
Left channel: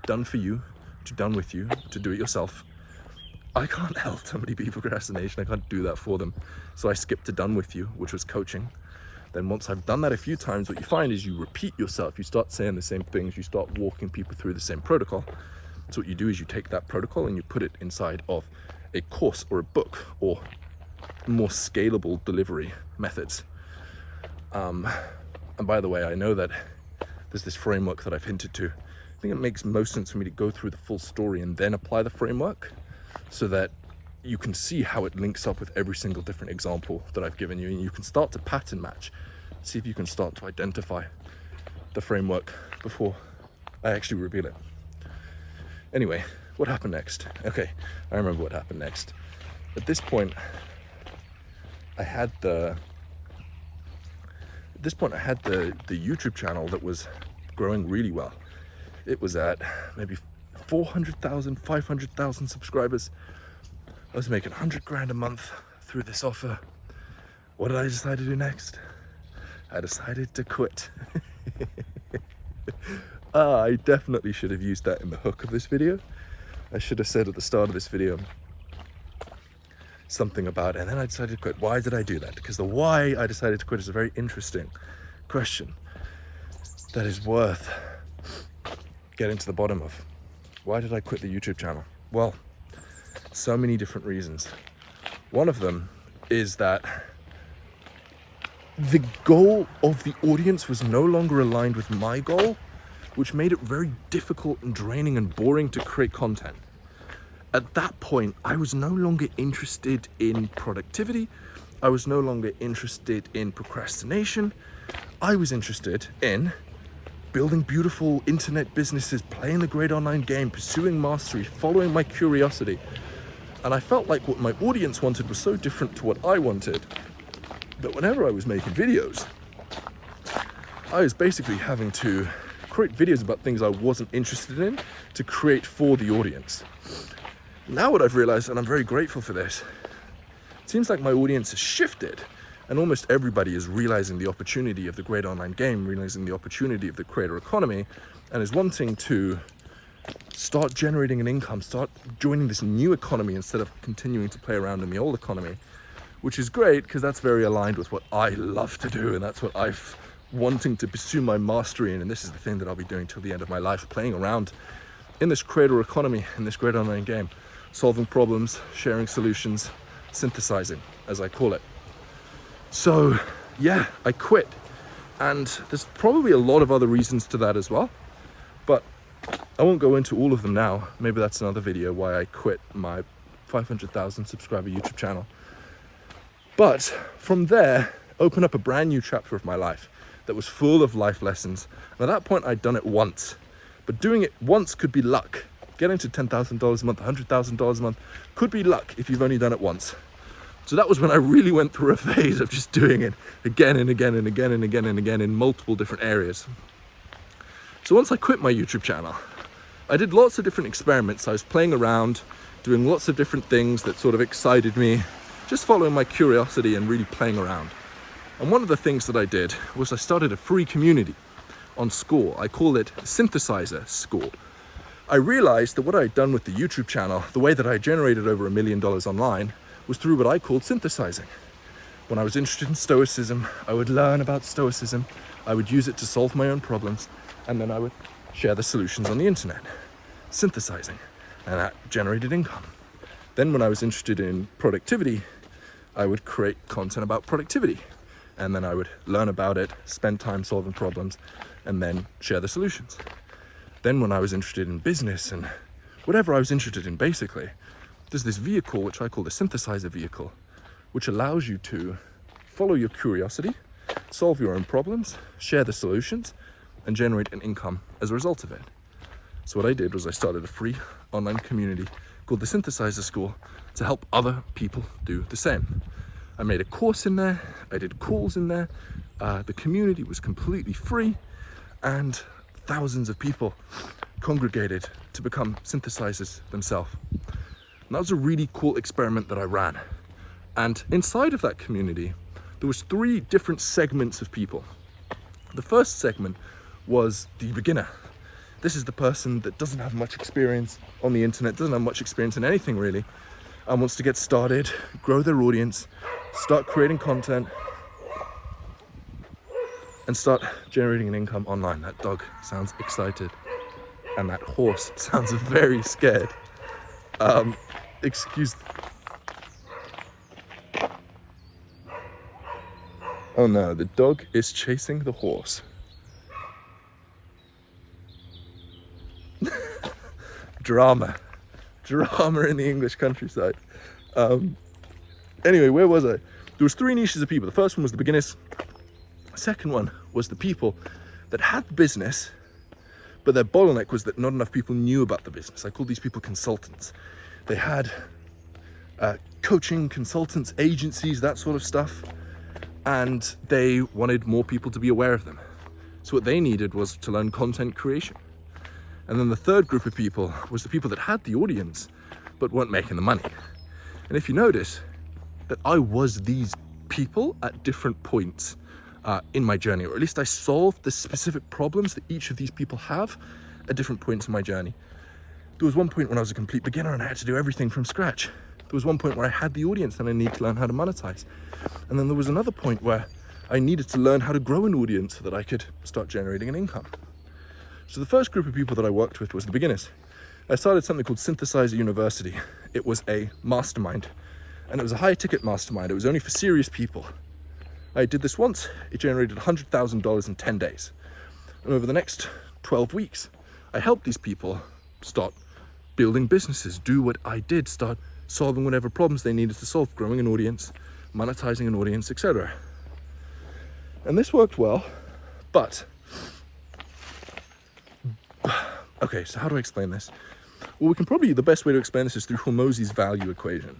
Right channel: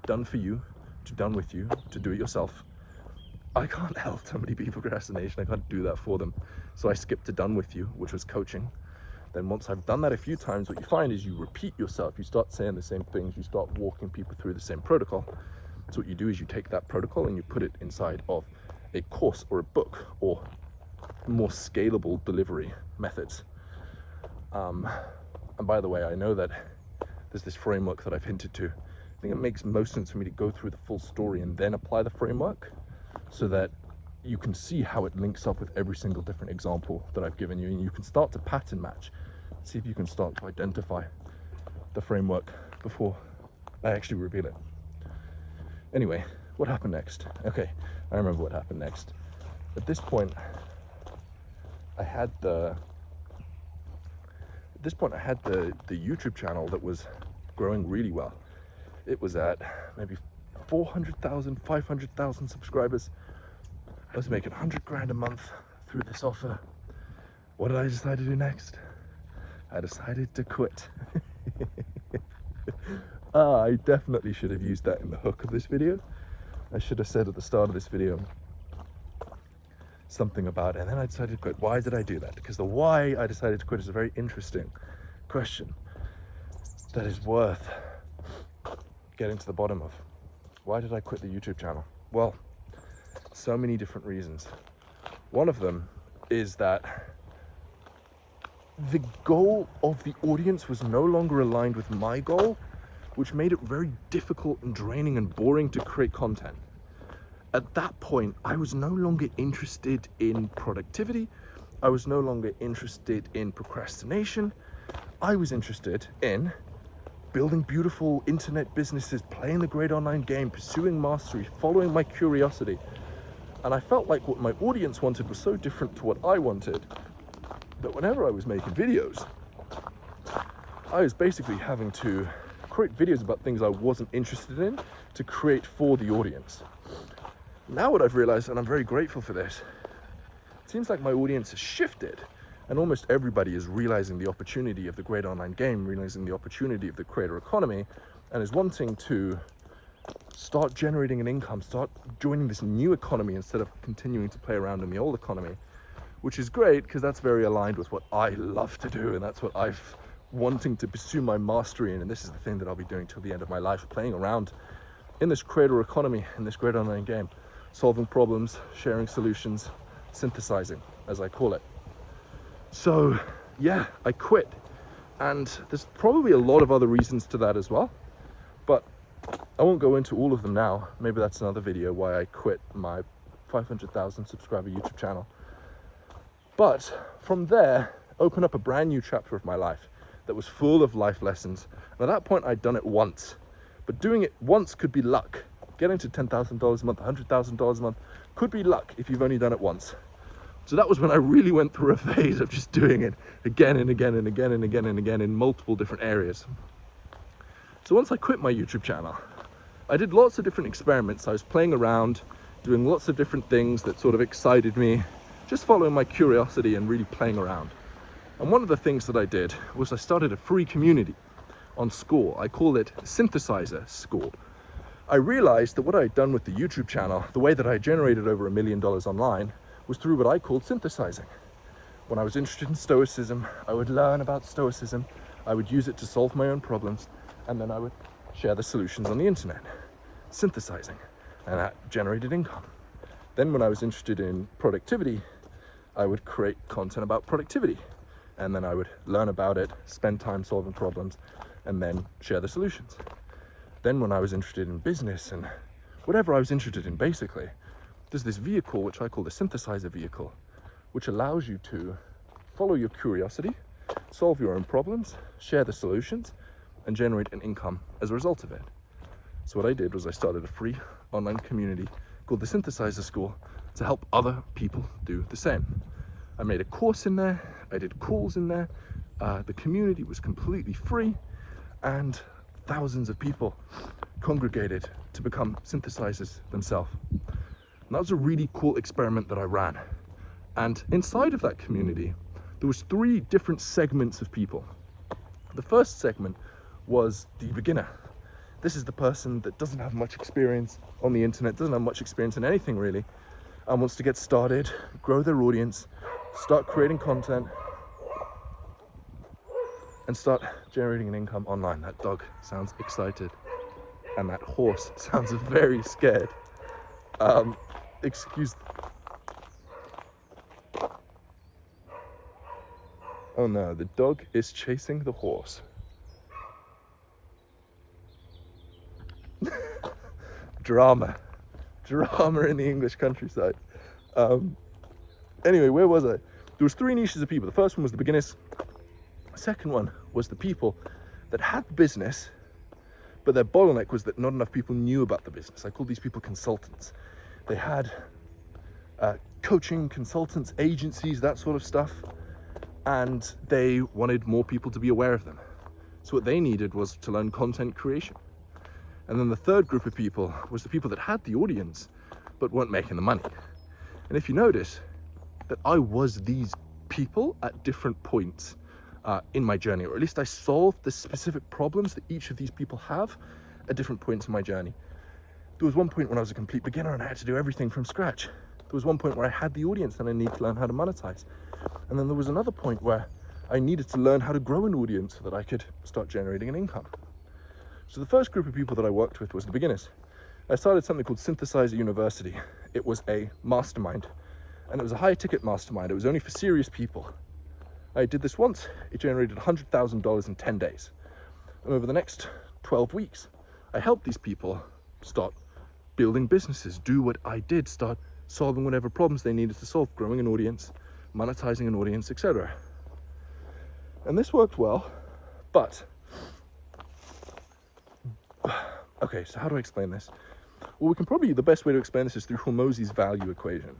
done for you to done with you to do it yourself. I can't help somebody be procrastination. I can't do that for them. So I skipped to done with you, which was coaching. Then once I've done that a few times, what you find is you repeat yourself. You start saying the same things. You start walking people through the same protocol. So what you do is you take that protocol and you put it inside of a course or a book or more scalable delivery methods. And by the way, I know that there's this framework that I've hinted to. I think it makes most sense for me to go through the full story and then apply the framework so that you can see how it links up with every single different example that I've given you, and you can start to pattern match, see if you can start to identify the framework before I actually reveal it. Anyway, what happened next? Okay, I remember what happened next. At this point, I had the YouTube channel that was growing really well. It was at maybe 400,000, 500,000 subscribers. I was making 100 grand a month through this offer. What did I decide to do next? I decided to quit. I definitely should have used that in the hook of this video. I should have said at the start of this video something about it, and then I decided to quit. Why did I do that? Because the why I decided to quit is a very interesting question that is worth getting to the bottom of. Why did I quit the YouTube channel? Well, so many different reasons. One of them is that the goal of the audience was no longer aligned with my goal, which made it very difficult and draining and boring to create content. At that point, I was no longer interested in productivity. I was no longer interested in procrastination. I was interested in building beautiful internet businesses, playing the great online game, pursuing mastery, following my curiosity. And I felt like what my audience wanted was so different to what I wanted that whenever I was making videos, I was basically having to create videos about things I wasn't interested in to create for the audience. Now what I've realized, and I'm very grateful for this, it seems like my audience has shifted, and almost everybody is realizing the opportunity of the great online game, realizing the opportunity of the creator economy, and is wanting to start generating an income, start joining this new economy instead of continuing to play around in the old economy, which is great because that's very aligned with what I love to do, and that's what I've wanting to pursue my mastery in, and this is the thing that I'll be doing till the end of my life, playing around in this creator economy, in this great online game, solving problems, sharing solutions, synthesizing, as I call it. So yeah, I quit, and there's probably a lot of other reasons to that as well, but I won't go into all of them now. Maybe that's another video why I quit my 500,000 subscriber YouTube channel. But from there, open up a brand new chapter of my life that was full of life lessons. And at that point, I'd done it once, but doing it once could be luck. Getting to $10,000 a month, $100,000 a month could be luck if you've only done it once. So that was when I really went through a phase of just doing it again and again and again and again and again in multiple different areas. So once I quit my YouTube channel, I did lots of different experiments. I was playing around, doing lots of different things that sort of excited me, just following my curiosity and really playing around. And one of the things that I did was I started a free community on Score. I call it Synthesizer Score. I realized that what I had done with the YouTube channel, the way that I generated over $1 million online, was through what I called synthesizing. When I was interested in Stoicism, I would learn about Stoicism, I would use it to solve my own problems, and then I would share the solutions on the internet. Synthesizing, and that generated income. Then when I was interested in productivity, I would create content about productivity, and then I would learn about it, spend time solving problems, and then share the solutions. Then when I was interested in business and whatever I was interested in, basically, there's this vehicle which I call the synthesizer vehicle, which allows you to follow your curiosity, solve your own problems, share the solutions, and generate an income as a result of it. So what I did was I started a free online community called the Synthesizer School to help other people do the same. I made a course in there, I did calls in there, the community was completely free, and thousands of people congregated to become synthesizers themselves. And that was a really cool experiment that I ran. And inside of that community, there was 3 different segments of people. The first segment was the beginner. This is the person that doesn't have much experience on the internet, doesn't have much experience in anything really, and wants to get started, grow their audience, start creating content, and start generating an income online. That dog sounds excited, and that horse sounds very scared. Excuse. Oh no, the dog is chasing the horse. Drama in the English countryside. Anyway, where was I? There was 3 niches of people. The first one was the beginners. The second one was the people that had the business, but their bottleneck was that not enough people knew about the business. I call these people consultants. They had coaching, consultants, agencies, that sort of stuff, and they wanted more people to be aware of them. So what they needed was to learn content creation. And then the third group of people was the people that had the audience, but weren't making the money. And if you notice that I was these people at different points in my journey, or at least I solved the specific problems that each of these people have at different points in my journey. There was one point when I was a complete beginner and I had to do everything from scratch. There was one point where I had the audience and I needed to learn how to monetize. And then there was another point where I needed to learn how to grow an audience so that I could start generating an income. So the first group of people that I worked with was the beginners. I started something called Synthesizer University. It was a mastermind, and it was a high ticket mastermind. It was only for serious people. I did this once. It generated $100,000 in 10 days. And over the next 12 weeks, I helped these people start building businesses, do what I did, start solving whatever problems they needed to solve, growing an audience, monetizing an audience, etc. And this worked well, but okay, so how do I explain this? Well, the best way to explain this is through Hormozi's value equation.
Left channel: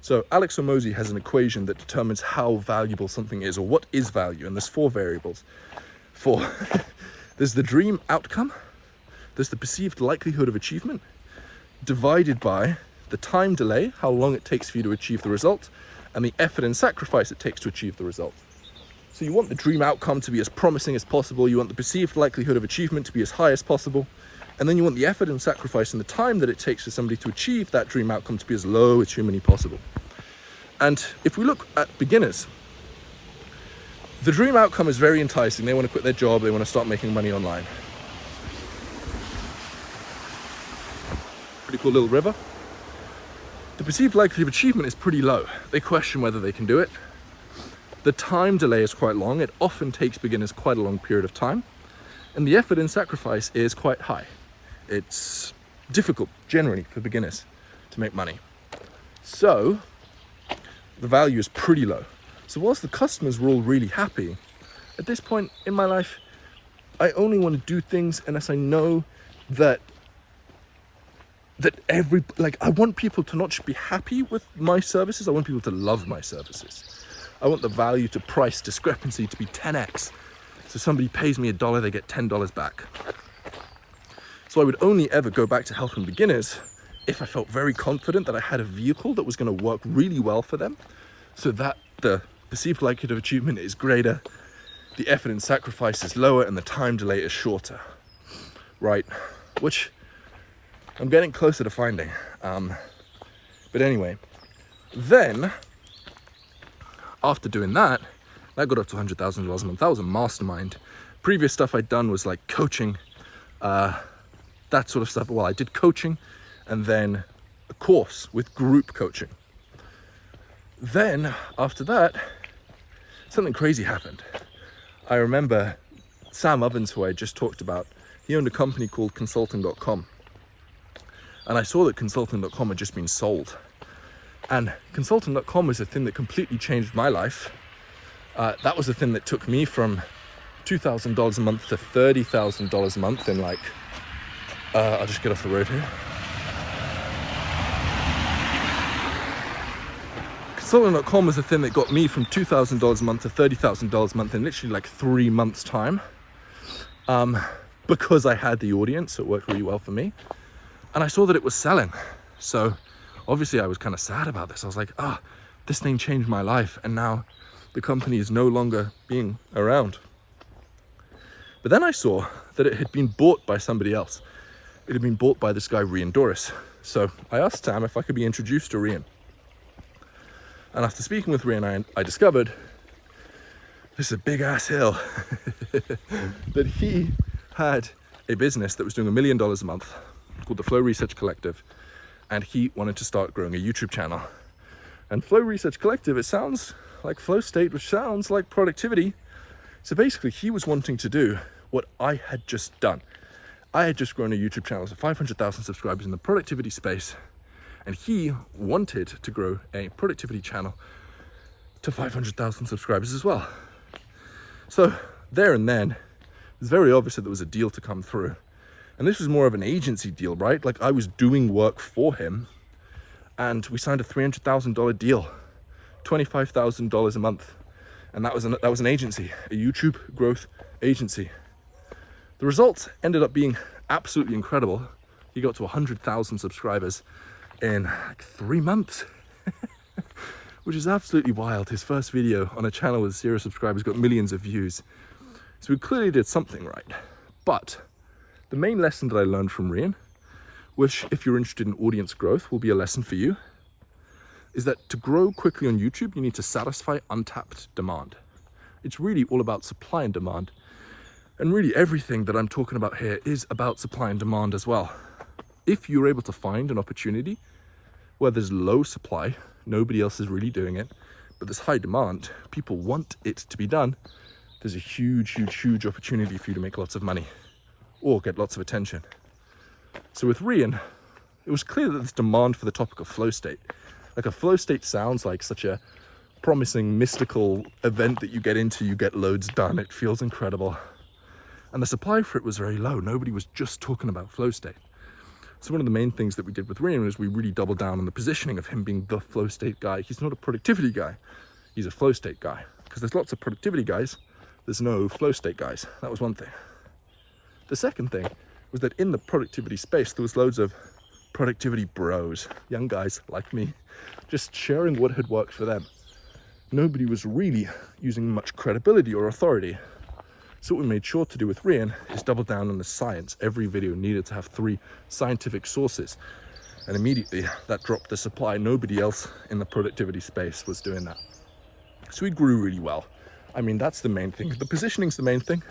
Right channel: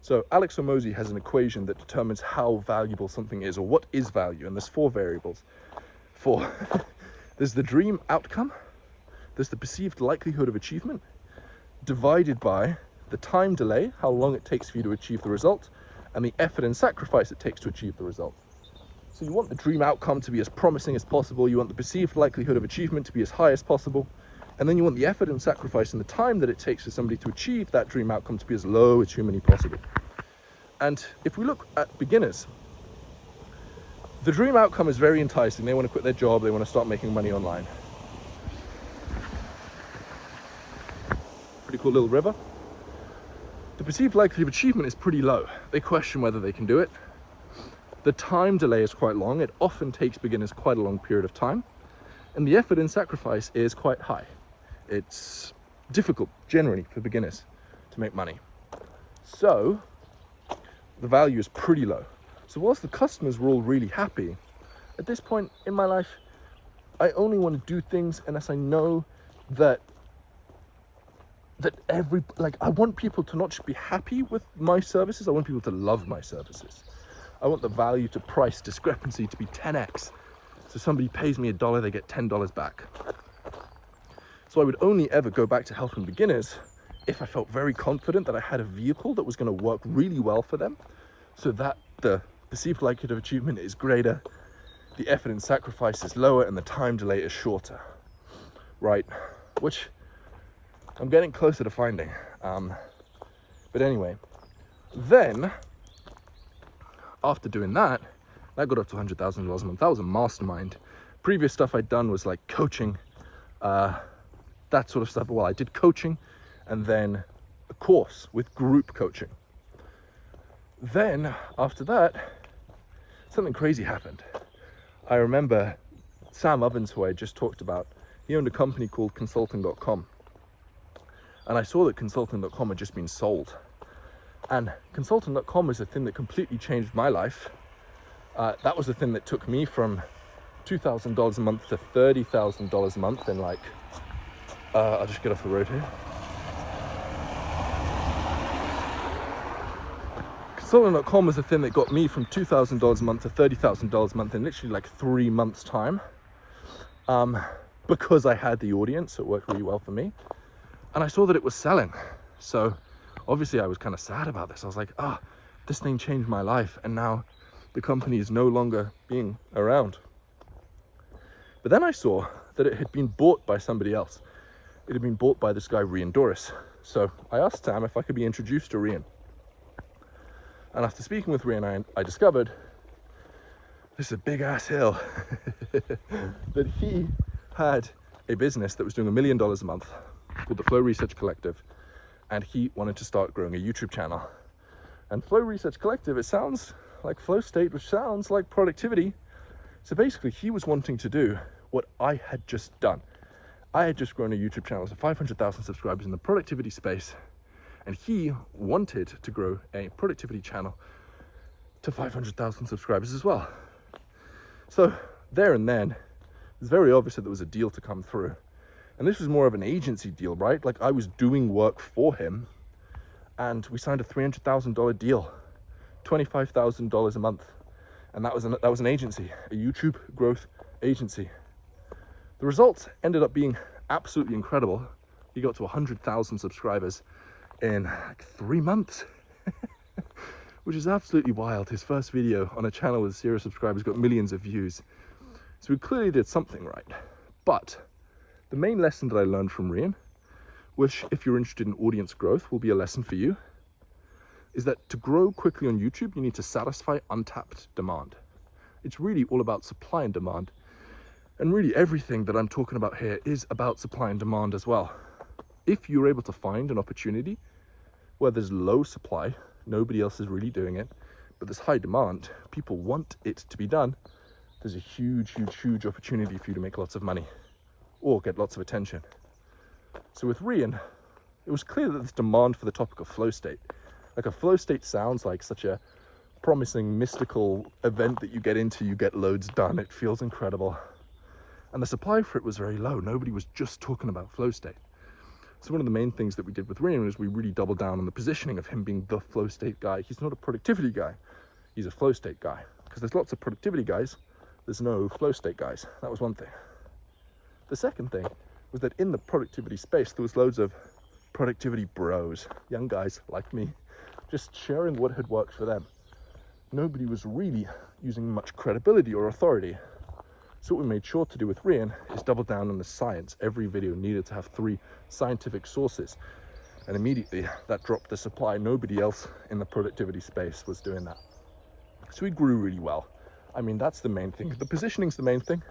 So Alex Hormozi has an equation that determines how valuable something is, or what is value, and there's 4 variables. There's the dream outcome, there's the perceived likelihood of achievement, divided by the time delay, how long it takes for you to achieve the result, and the effort and sacrifice it takes to achieve the result. So you want the dream outcome to be as promising as possible, you want the perceived likelihood of achievement to be as high as possible, and then you want the effort and sacrifice and the time that it takes for somebody to achieve that dream outcome to be as low as humanly possible. And if we look at beginners, the dream outcome is very enticing. They want to quit their job, they want to start making money online. Pretty cool little river. The perceived likelihood of achievement is pretty low. They question whether they can do it. The time delay is quite long. It often takes beginners quite a long period of time. And the effort and sacrifice is quite high. It's difficult, generally, for beginners to make money. So, the value is pretty low. So whilst the customers were all really happy, at this point in my life, I only want to do things unless I know that that I want people to not just be happy with my services, I want people to love my services. I want the value to price discrepancy to be 10x. So somebody pays me $1, they get $10 back. So I would only ever go back to helping beginners if I felt very confident that I had a vehicle that was going to work really well for them, so that the perceived likelihood of achievement is greater, the effort and sacrifice is lower, and the time delay is shorter, right? Which I'm getting closer to finding. But anyway, then after doing that, I got up to $100,000 a month. That was a mastermind. Previous stuff I'd done was like coaching, that sort of stuff. Well, I did coaching and then a course with group coaching. Then after that, something crazy happened. I remember Sam Ovens, who I just talked about, he owned a company called Consulting.com. And I saw that Consulting.com had just been sold. And Consulting.com was a thing that completely changed my life. That was the thing that took me from $2,000 a month to $30,000 a month in like, I'll just get off the road here. Consulting.com was the thing that got me from $2,000 a month to $30,000 a month in literally like 3 months' time. Because I had the audience, it worked really well for me. And I saw that it was selling. So obviously I was kind of sad about this. I was like, this thing changed my life, and now the company is no longer being around. But then I saw that it had been bought by somebody else. It had been bought by this guy, Rian Doris. So I asked Sam if I could be introduced to Rian. And after speaking with Rian, I discovered this is a big ass hill. that he had a business that was doing $1 million a month called the Flow Research Collective, and he wanted to start growing a YouTube channel. And Flow Research Collective, it sounds like flow state, which sounds like productivity. So basically he was wanting to do what I had just done. I had just grown a YouTube channel to 500,000 subscribers in the productivity space, and he wanted to grow a productivity channel to 500,000 subscribers as well. So there and then, it was very obvious that there was a deal to come through. And this was more of an agency deal, right? Like I was doing work for him, and we signed a $300,000 deal, $25,000 a month. And that was an agency, a YouTube growth agency. The results ended up being absolutely incredible. He got to 100,000 subscribers in like 3 months, which is absolutely wild. His first video on a channel with 0 subscribers got millions of views. So we clearly did something right. But the main lesson that I learned from Rian, which if you're interested in audience growth will be a lesson for you, is that to grow quickly on YouTube, you need to satisfy untapped demand. It's really all about supply and demand. And really everything that I'm talking about here is about supply and demand as well. If you're able to find an opportunity where there's low supply, nobody else is really doing it, but there's high demand, people want it to be done, there's a huge, huge, huge opportunity for you to make lots of money or get lots of attention. So with Rian, it was clear that there's demand for the topic of flow state. Like a flow state sounds like such a promising, mystical event that you get into, you get loads done, it feels incredible. And the supply for it was very low. Nobody was just talking about flow state. So one of the main things that we did with Rian was we really doubled down on the positioning of him being the flow state guy. He's not a productivity guy, he's a flow state guy. Because there's lots of productivity guys, there's no flow state guys. That was one thing. The second thing was that in the productivity space, there was loads of productivity bros, young guys like me, just sharing what had worked for them. Nobody was really using much credibility or authority. So what we made sure to do with Rian is double down on the science. Every video needed to have 3 scientific sources. And immediately that dropped the supply. Nobody else in the productivity space was doing that. So we grew really well. I mean, that's the main thing. The positioning's the main thing.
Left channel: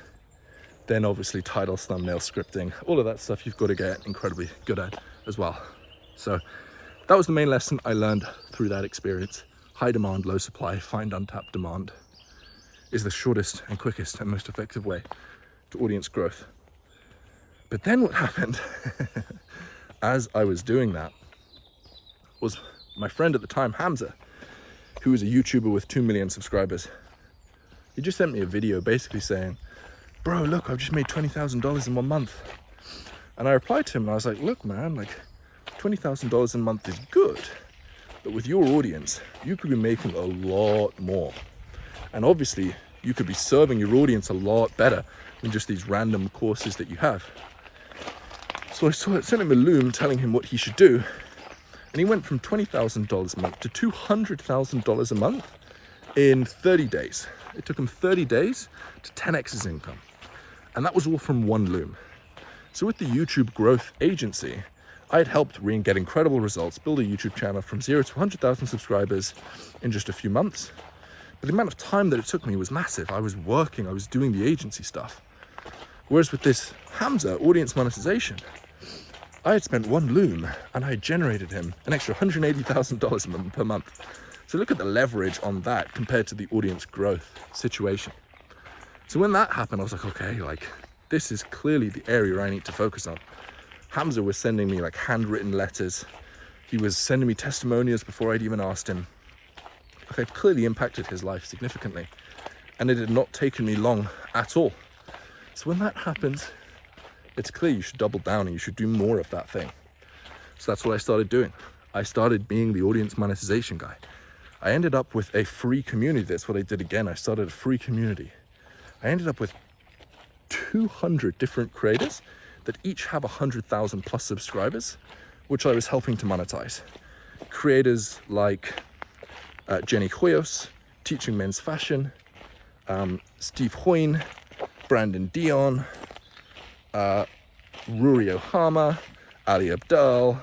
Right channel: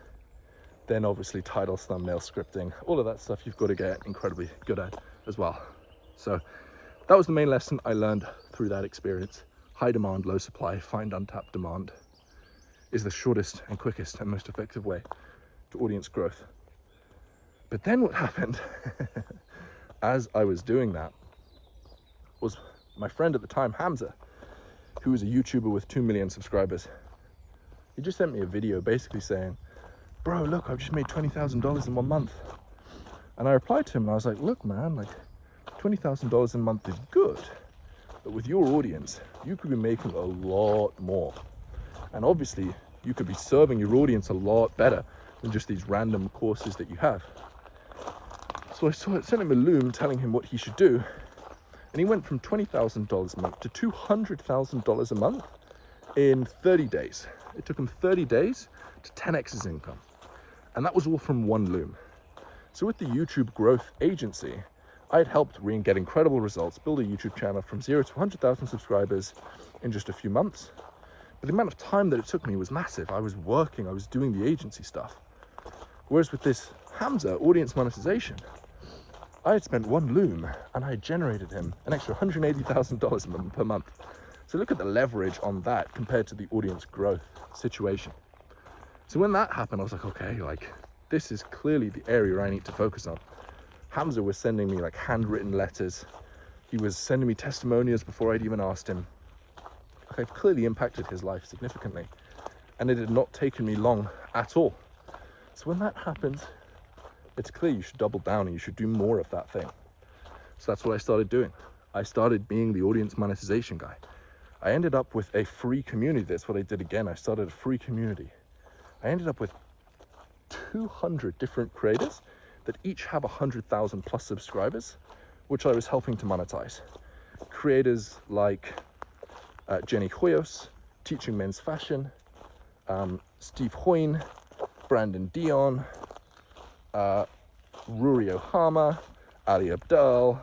Then obviously titles, thumbnail, scripting, all of that stuff you've got to get incredibly good at as well. So that was the main lesson I learned through that experience. High demand, low supply, find untapped demand is the shortest and quickest and most effective way to audience growth. But then what happened as I was doing that was my friend at the time, Hamza, who was a YouTuber with 2 million subscribers. He just sent me a video basically saying, bro, look, I've just made $20,000 in 1 month. And I replied to him and I was like, look, man, like $20,000 a month is good, but with your audience, you could be making a lot more. And obviously, you could be serving your audience a lot better than just these random courses that you have. So I sent him a Loom telling him what he should do. And he went from $20,000 a month to $200,000 a month in 30 days. It took him 30 days to 10x his income. And that was all from one Loom. So with the YouTube Growth Agency, I had helped Reen get incredible results, build a YouTube channel from 0 to 100,000 subscribers in just a few months. But the amount of time that it took me was massive. I was working, I was doing the agency stuff. Whereas with this Hamza audience monetization, I had spent one Loom and I had generated him an extra $180,000 per month. So look at the leverage on that compared to the audience growth situation. So when that happened, I was like, okay, like this is clearly the area I need to focus on. Hamza was sending me like handwritten letters. He was sending me testimonials before I'd even asked him. Like I'd clearly impacted his life significantly, and it had not taken me long at all. So when that happens, it's clear you should double down and you should do more of that thing. So that's what I started doing. I started being the audience monetization guy. I ended up with a free community. That's what I did again. I started a free community. I ended up with 200 different creators that each have 100,000 plus subscribers, which I was helping to monetize. Creators like Jenny Hoyos, Teaching Men's Fashion, Steve Hoyne, Brandon Dion, Ruri Ohama, Ali Abdal,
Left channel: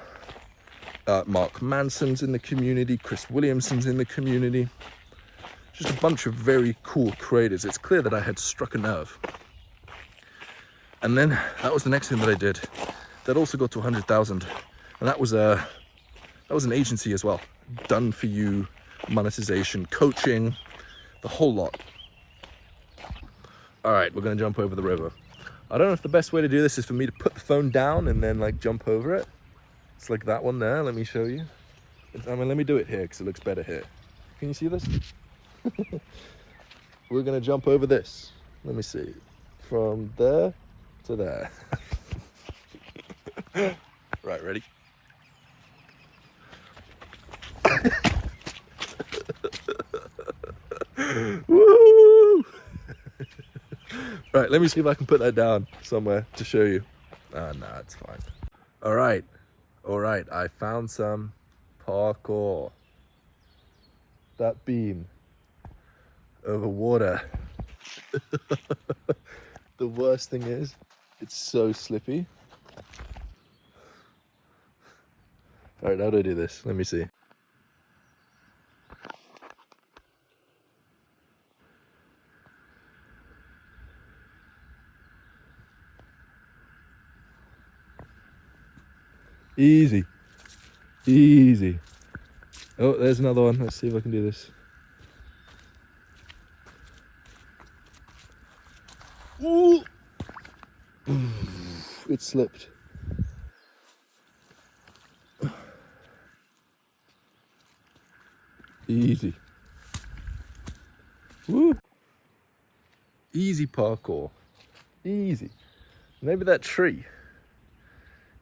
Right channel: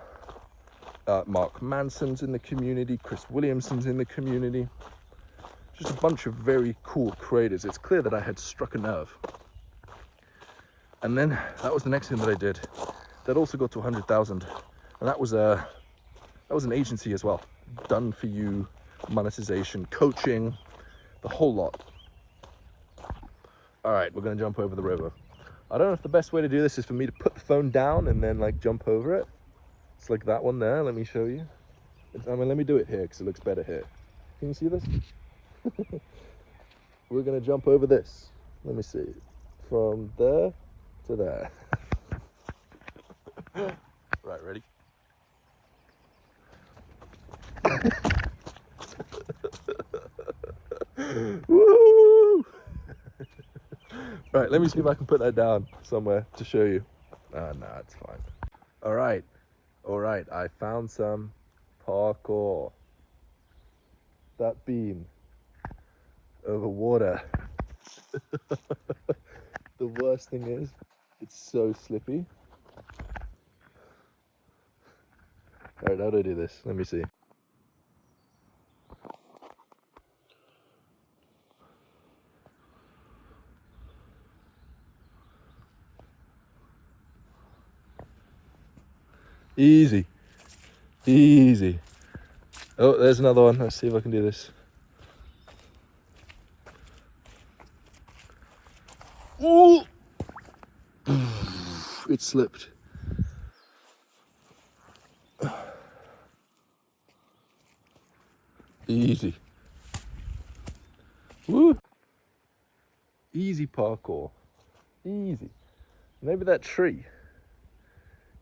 Mark Manson's in the community, Chris Williamson's in the community. Just a bunch of very cool creators. It's clear that I had struck a nerve. And then that was the next thing that I did. That also got to 100,000, and that was an agency as well. Done for you, monetization, coaching, the whole lot. All right, we're gonna jump over the river. I don't know if the best way to do this is for me to put the phone down and then like jump over it. It's like that one there, let me show you. I mean, let me do it here because it looks better here. Can you see this? We're gonna jump over this. Let me see. From there to there. Right, ready? Woo! Right, let me see if I can put that down somewhere to show you. Nah, it's fine. All right, I found some parkour. That beam over water. The worst thing is, it's so slippy. All right, how do I do this? Let me see. Easy. Easy. Oh, there's another one. Let's see if I can do this. Ooh! It slipped. Easy. Woo! Easy parkour. Easy. Maybe that tree.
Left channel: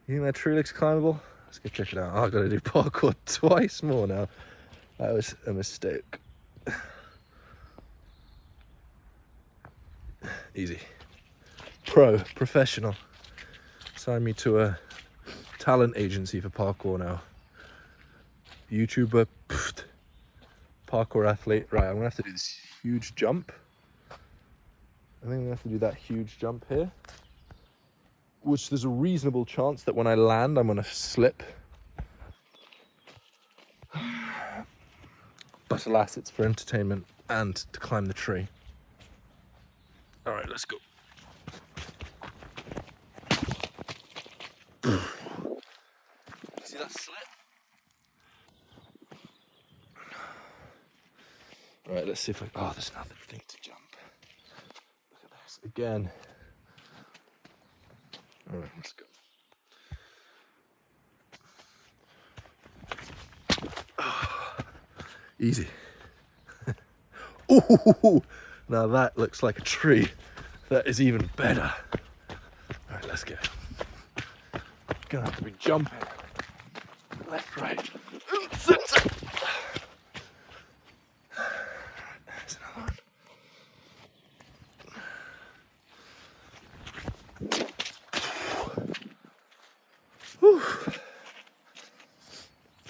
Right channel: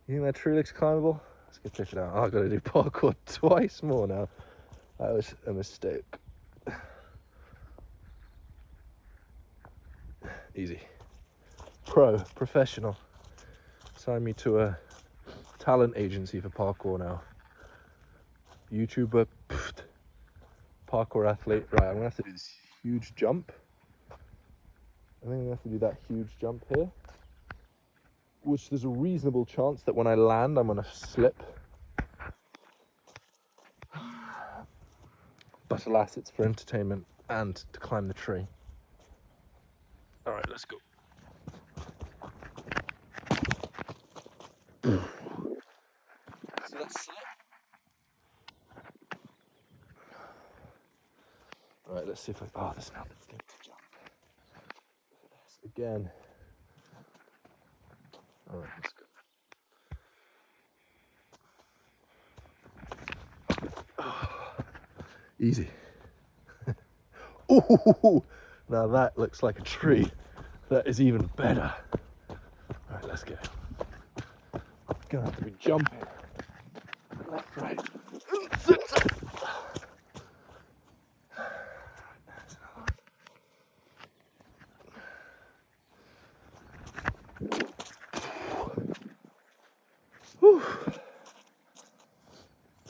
You think that tree looks climbable? Let's go check it out. Oh, I've got to do parkour twice more now. That was a mistake. Easy. Professional. Sign me to a talent agency for parkour now. YouTuber, parkour athlete. Right, I'm gonna have to do this huge jump. I think I'm gonna have to do that huge jump here, which there's a reasonable chance that when I land, I'm gonna slip. But alas, it's for entertainment and to climb the tree. All right, let's go. See that slip? All right, let's see if I, oh, there's another thing to jump. Look at this, again. All right, let's go. Easy. Ooh, now that looks like a tree. That is even better. All right, let's go. Gonna have to be jumping. left, right, and center. There's another one. Whew.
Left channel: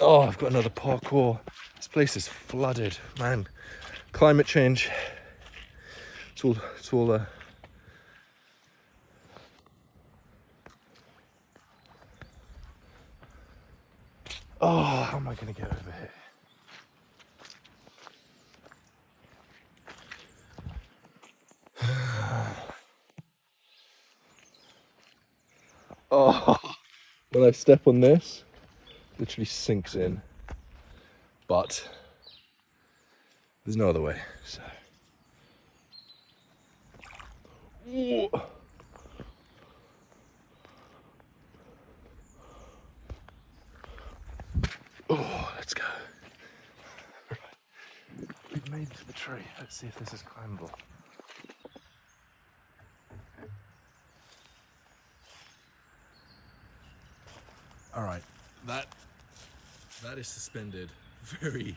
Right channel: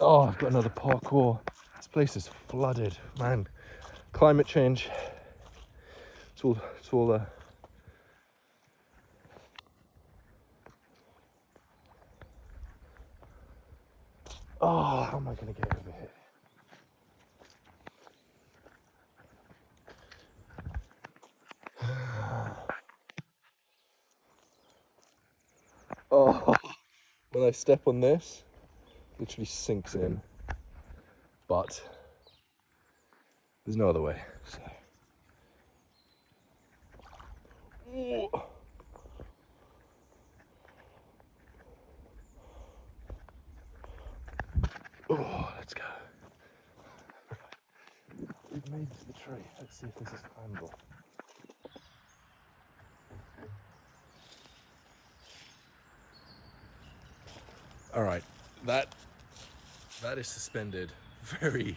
Oh, I've got another parkour. This place is flooded, man. Climate change. It's all oh, how am I gonna get over here? Oh, when I step on this, it literally sinks in. But there's no other way. So. Oh, let's go. We've made it to the tree. Let's see if this is climbable. All right, that is suspended very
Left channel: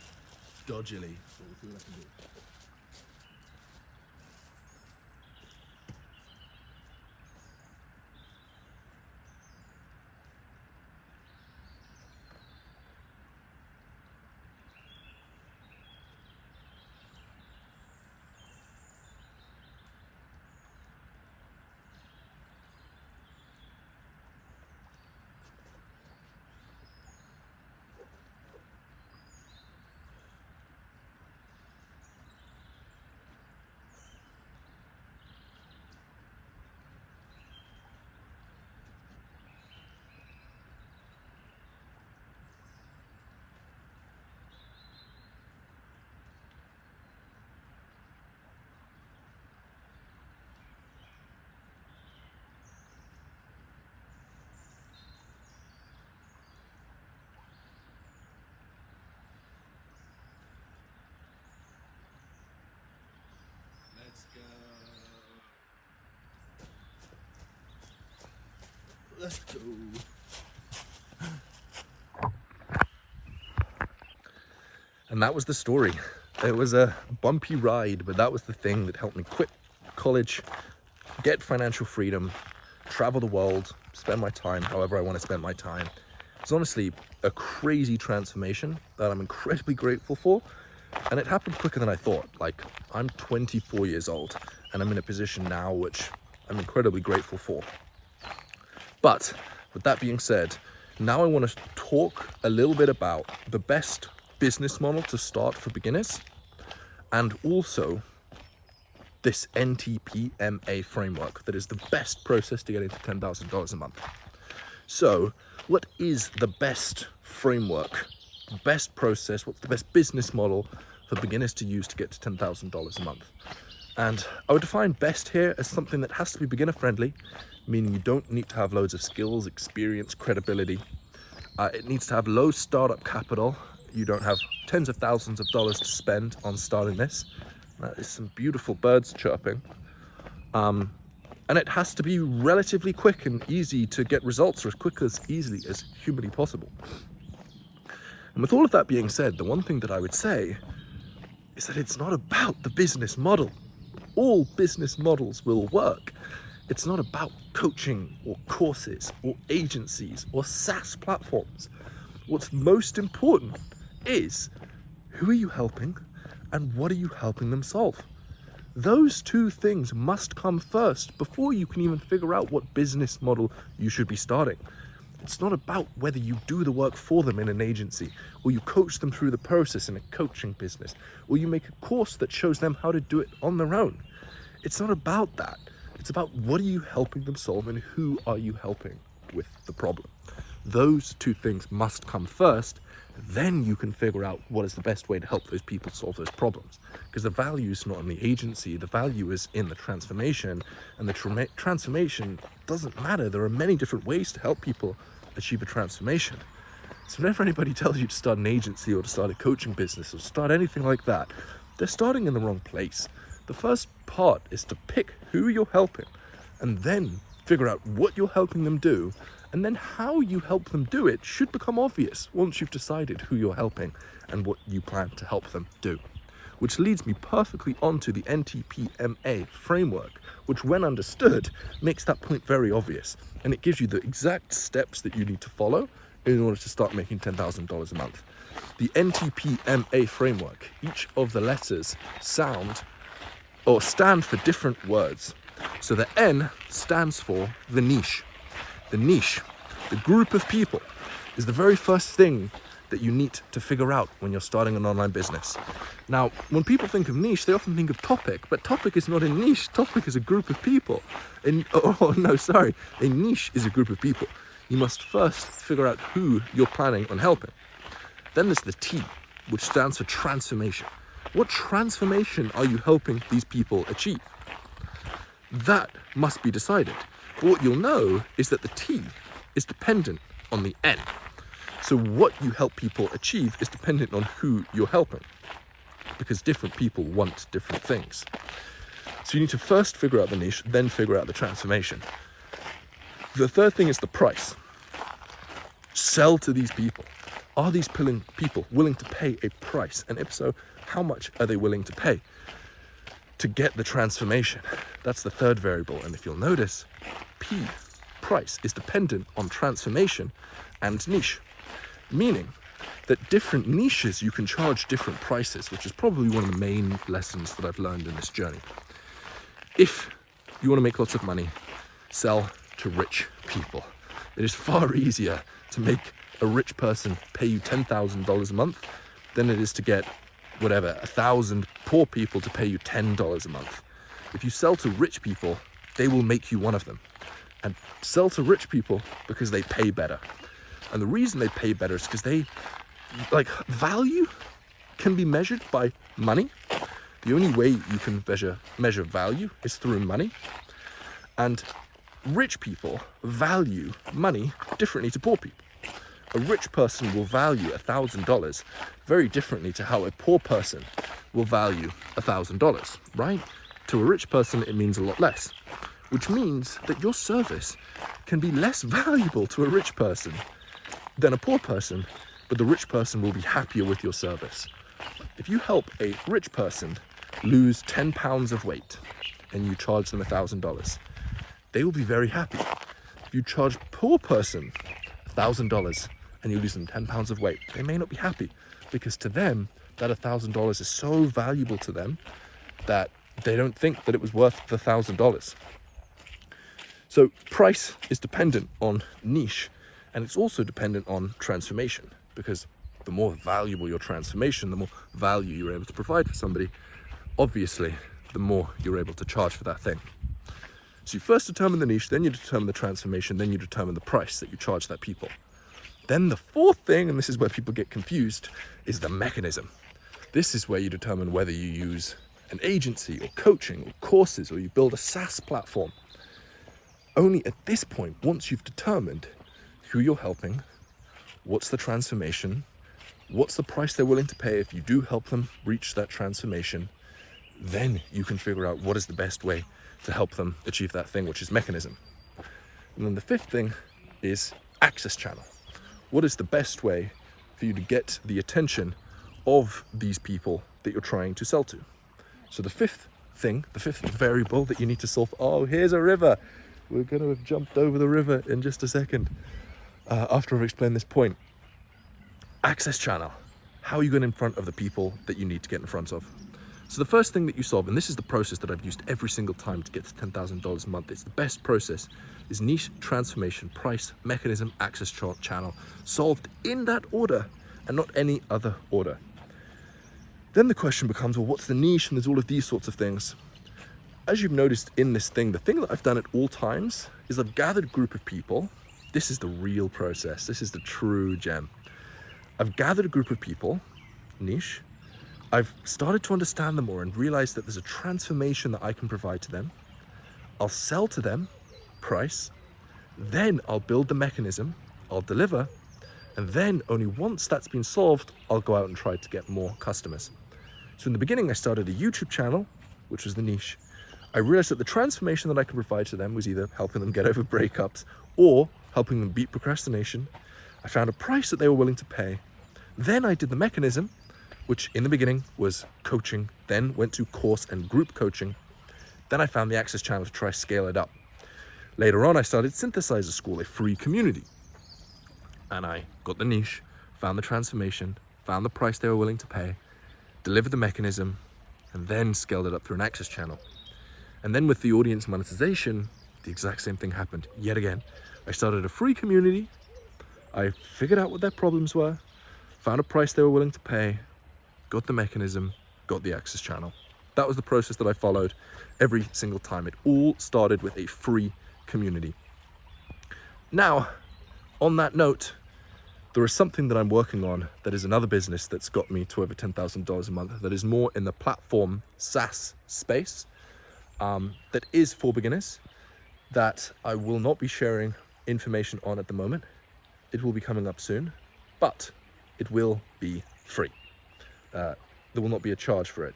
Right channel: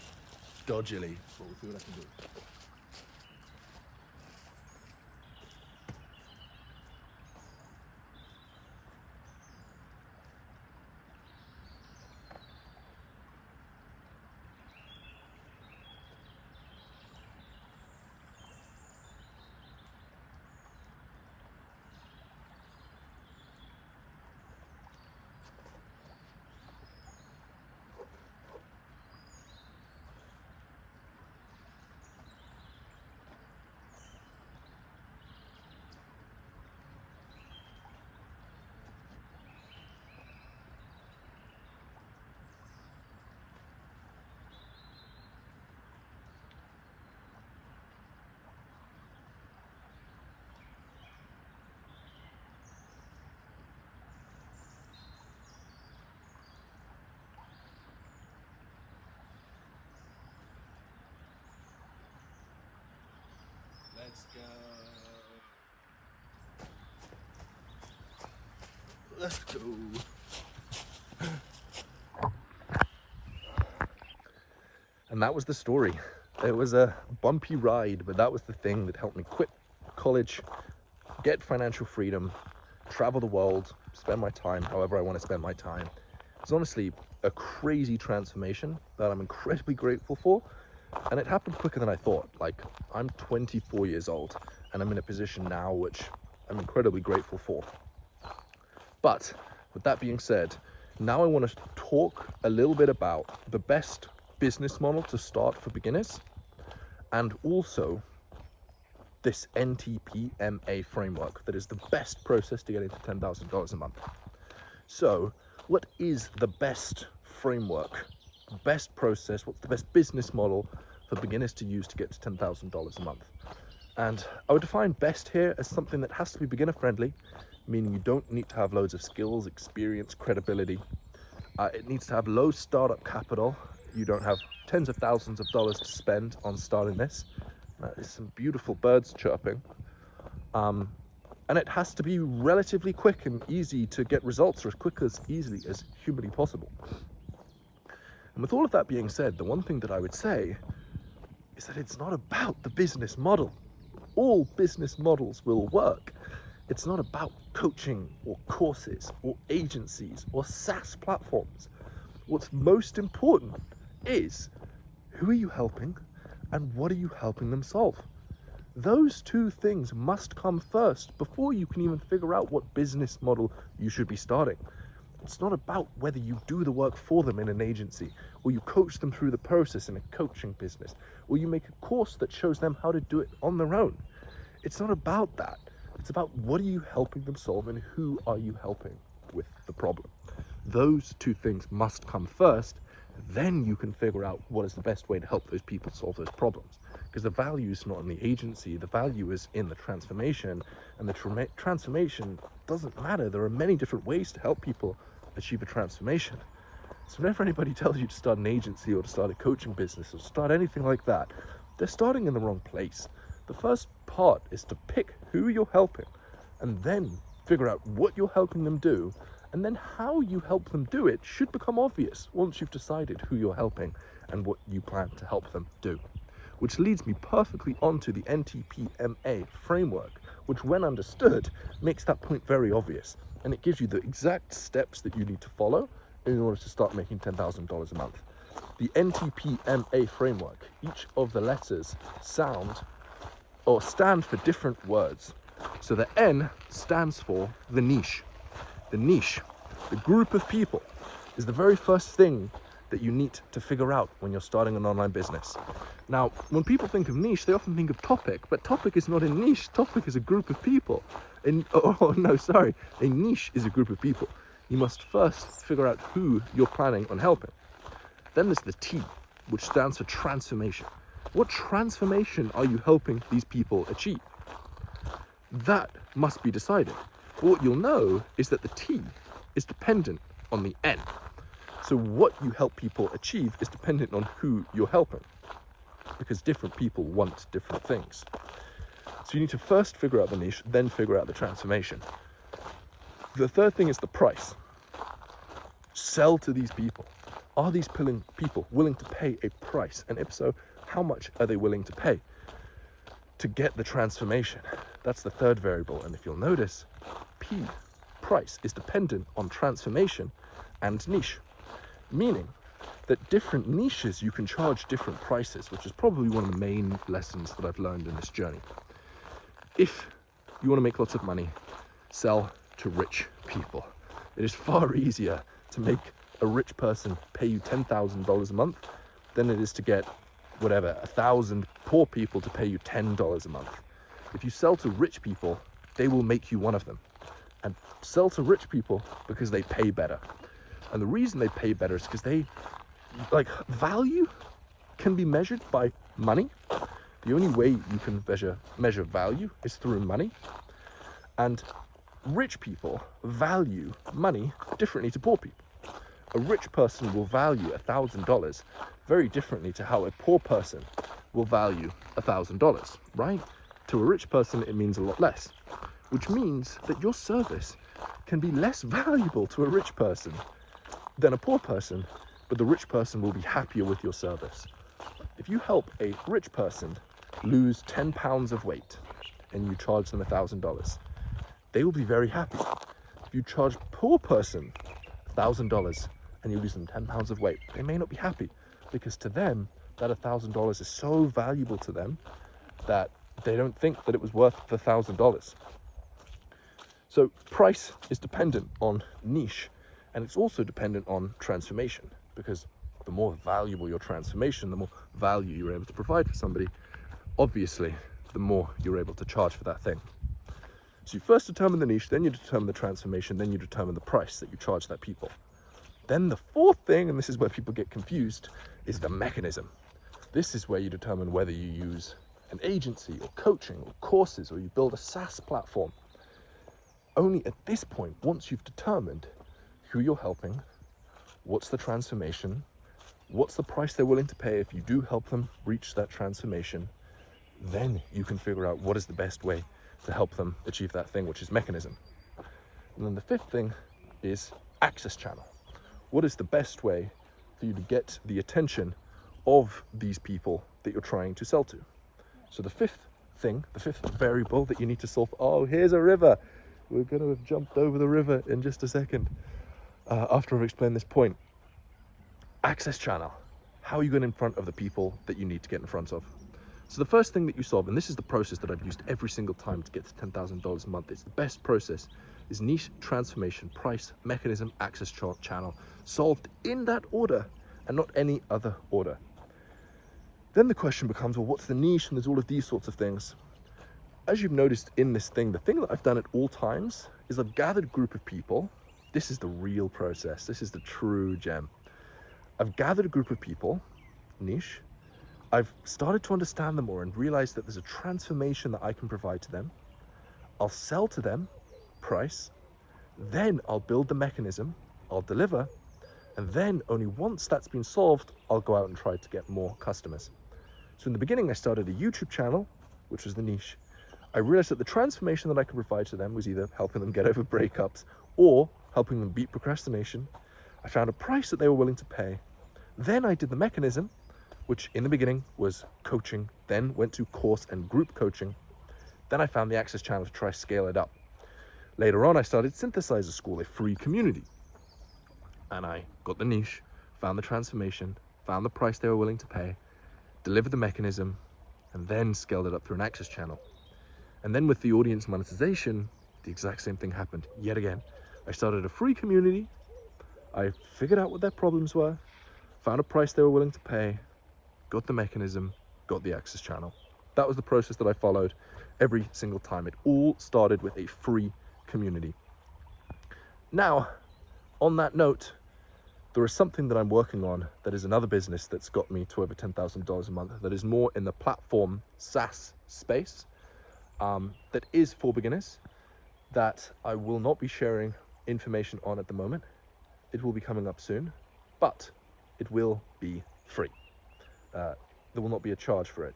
dodgily, but we'll see what I can do. Let's go. Let's go. And that was the story. It was a bumpy ride, but that was the thing that helped me quit college, get financial freedom, travel the world, spend my time however I want to spend my time. It's honestly a crazy transformation that I'm incredibly grateful for. And it happened quicker than I thought. Like, I'm 24 years old and I'm in a position now which I'm incredibly grateful for. But with that being said, now I want to talk a little bit about the best business model to start for beginners, and also this NTPMA framework that is the best process to get into $10,000 a month. So what is the best framework, best process, what's the best business model for beginners to use to get to $10,000 a month? And I would define best here as something that has to be beginner friendly, meaning you don't need to have loads of skills, experience, credibility. It needs to have low startup capital. You don't have tens of thousands of dollars to spend on starting this. There's some beautiful birds chirping. And it has to be relatively quick and easy to get results, or as quick as easily as humanly possible. And with all of that being said, the one thing that I would say is that it's not about the business model. All business models will work. It's not about coaching or courses or agencies or SaaS platforms. What's most important is who are you helping and what are you helping them solve? Those two things must come first before you can even figure out what business model you should be starting. It's not about whether you do the work for them in an agency, or you coach them through the process in a coaching business, or you make a course that shows them how to do it on their own. It's not about that. It's about what are you helping them solve and who are you helping with the problem. Those two things must come first, then you can figure out what is the best way to help those people solve those problems. Because the value is not in the agency, the value is in the transformation, and the transformation doesn't matter. There are many different ways to help people achieve a transformation. So whenever anybody tells you to start an agency or to start a coaching business or start anything like that, they're starting in the wrong place. The first part is to pick who you're helping and then figure out what you're helping them do, And then how you help them do it should become obvious once you've decided who you're helping and what you plan to help them do. Which leads me perfectly onto the NTPMA framework, which when understood makes that point very obvious, and it gives you the exact steps that you need to follow in order to start making $10,000 a month. The NTPMA framework, each of the letters stand for different words. So the N stands for the niche. The niche, the group of people, is the very first thing that you need to figure out when you're starting an online business. Now, when people think of niche, they often think of topic, but topic is not a niche. Topic is a group of people. A niche is a group of people. You must first figure out who you're planning on helping. Then there's the T, which stands for transformation. What transformation are you helping these people achieve? That must be decided. But what you'll know is that the T is dependent on the N. So what you help people achieve is dependent on who you're helping, because different people want different things. So you need to first figure out the niche, then figure out the transformation. The third thing is the price. Sell to these people. Are these people willing to pay a price? And if so, how much are they willing to pay to get the transformation? That's the third variable. And if you'll notice, P, price, is dependent on transformation and niche. Meaning that different niches you can charge different prices, which is probably one of the main lessons that I've learned in this journey. If you want to make lots of money, sell to rich people. It is far easier to make a rich person pay you $10,000 a month than it is to get 1,000 poor people to pay you $10 a month. If you sell to rich people, they will make you one of them. And sell to rich people because they pay better. And the reason they pay better is because value can be measured by money. The only way you can measure value is through money. And rich people value money differently to poor people. A rich person will value $1,000 very differently to how a poor person will value $1,000, right? To a rich person, it means a lot less, which means that your service can be less valuable to a rich person than a poor person, but the rich person will be happier with your service. If you help a rich person lose 10 pounds of weight and you charge them $1,000, they will be very happy. If you charge a poor person $1,000 and you lose them 10 pounds of weight, they may not be happy, because to them, that $1,000 is so valuable to them that they don't think that it was worth the $1,000. So price is dependent on niche, and it's also dependent on transformation, because the more valuable your transformation, the more value you're able to provide for somebody, obviously, the more you're able to charge for that thing. So you first determine the niche, then you determine the transformation, then you determine the price that you charge that people. Then the fourth thing, and this is where people get confused, is the mechanism. This is where you determine whether you use an agency or coaching or courses, or you build a SaaS platform. Only at this point, once you've determined who you're helping, what's the transformation, what's the price they're willing to pay if you do help them reach that transformation, then you can figure out what is the best way to help them achieve that thing, which is mechanism. And then the fifth thing is access channel. What is the best way for you to get the attention of these people that you're trying to sell to? So the fifth variable that you need to solve, oh, here's a river. We're going to have jumped over the river in just a second after I've explained this point. Access channel. How are you getting in front of the people that you need to get in front of? So the first thing that you solve, and this is the process that I've used every single time to get to $10,000 a month, it's the best process, is niche, transformation, price, mechanism, access channel, solved in that order and not any other order. Then the question becomes, well, what's the niche? And there's all of these sorts of things. As you've noticed in this thing, the thing that I've done at all times is I've gathered a group of people. This is the real process. This is the true gem. I've gathered a group of people, niche. I've started to understand them more and realized that there's a transformation that I can provide to them. I'll sell to them, price. Then I'll build the mechanism, I'll deliver. And then only once that's been solved, I'll go out and try to get more customers. So in the beginning, I started a YouTube channel, which was the niche. I realized that the transformation that I could provide to them was either helping them get over breakups or helping them beat procrastination. I found a price that they were willing to pay. Then I did the mechanism, which in the beginning was coaching, then went to course and group coaching. Then I found the Access Channel to try to scale it up. Later on, I started Synthesizer School, a free community. And I got the niche, found the transformation, found the price they were willing to pay, delivered the mechanism, and then scaled it up through an Access Channel. And then with the audience monetization, the exact same thing happened yet again. I started a free community. I figured out what their problems were, found a price they were willing to pay, got the mechanism, got the Access Channel. That was the process that I followed every single time. It all started with a free community. Now, on that note, there is something that I'm working on that is another business that's got me to over $10,000 a month, that is more in the platform SaaS space, that is for beginners, that I will not be sharing information on at the moment. It will be coming up soon, but it will be free. There will not be a charge for it.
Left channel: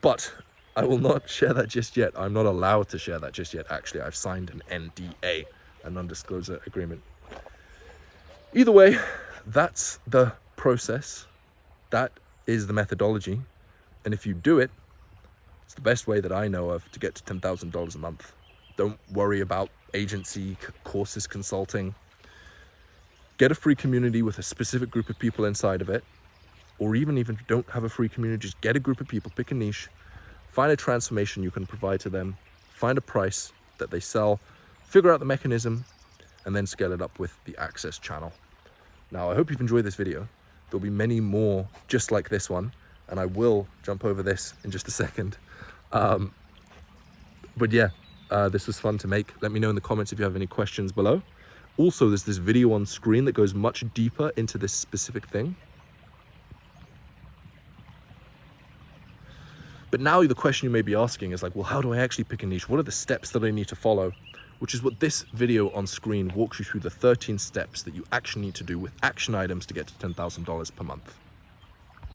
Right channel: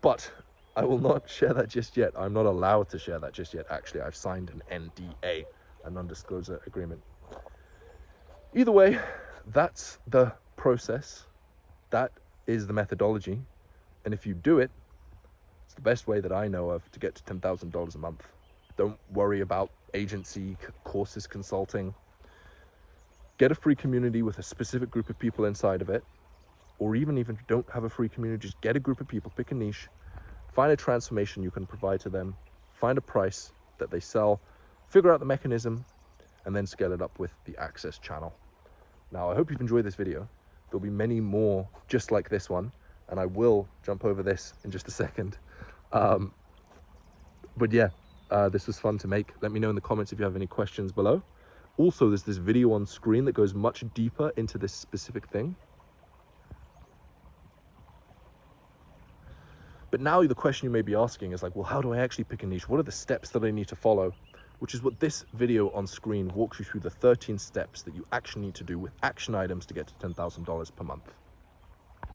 But I will not share that just yet. I'm not allowed to share that just yet. Actually, I've signed an NDA, a non-disclosure agreement. Either way, that's the process. That is the methodology. And if you do it, it's the best way that I know of to get to $10,000 a month. Don't worry about agency, courses, consulting. Get a free community with a specific group of people inside of it. Or even if you don't have a free community, just get a group of people, pick a niche, find a transformation you can provide to them, find a price that they sell, figure out the mechanism, and then scale it up with the Access Channel. Now, I hope you've enjoyed this video. There'll be many more just like this one, and I will jump over this in just a second. But yeah, this was fun to make. Let me know in the comments if you have any questions below. Also, there's this video on screen that goes much deeper into this specific thing. But now the question you may be asking is like, well, how do I actually pick a niche? What are the steps that I need to follow? Which is what this video on screen walks you through, the 13 steps that you actually need to do with action items to get to $10,000 per month.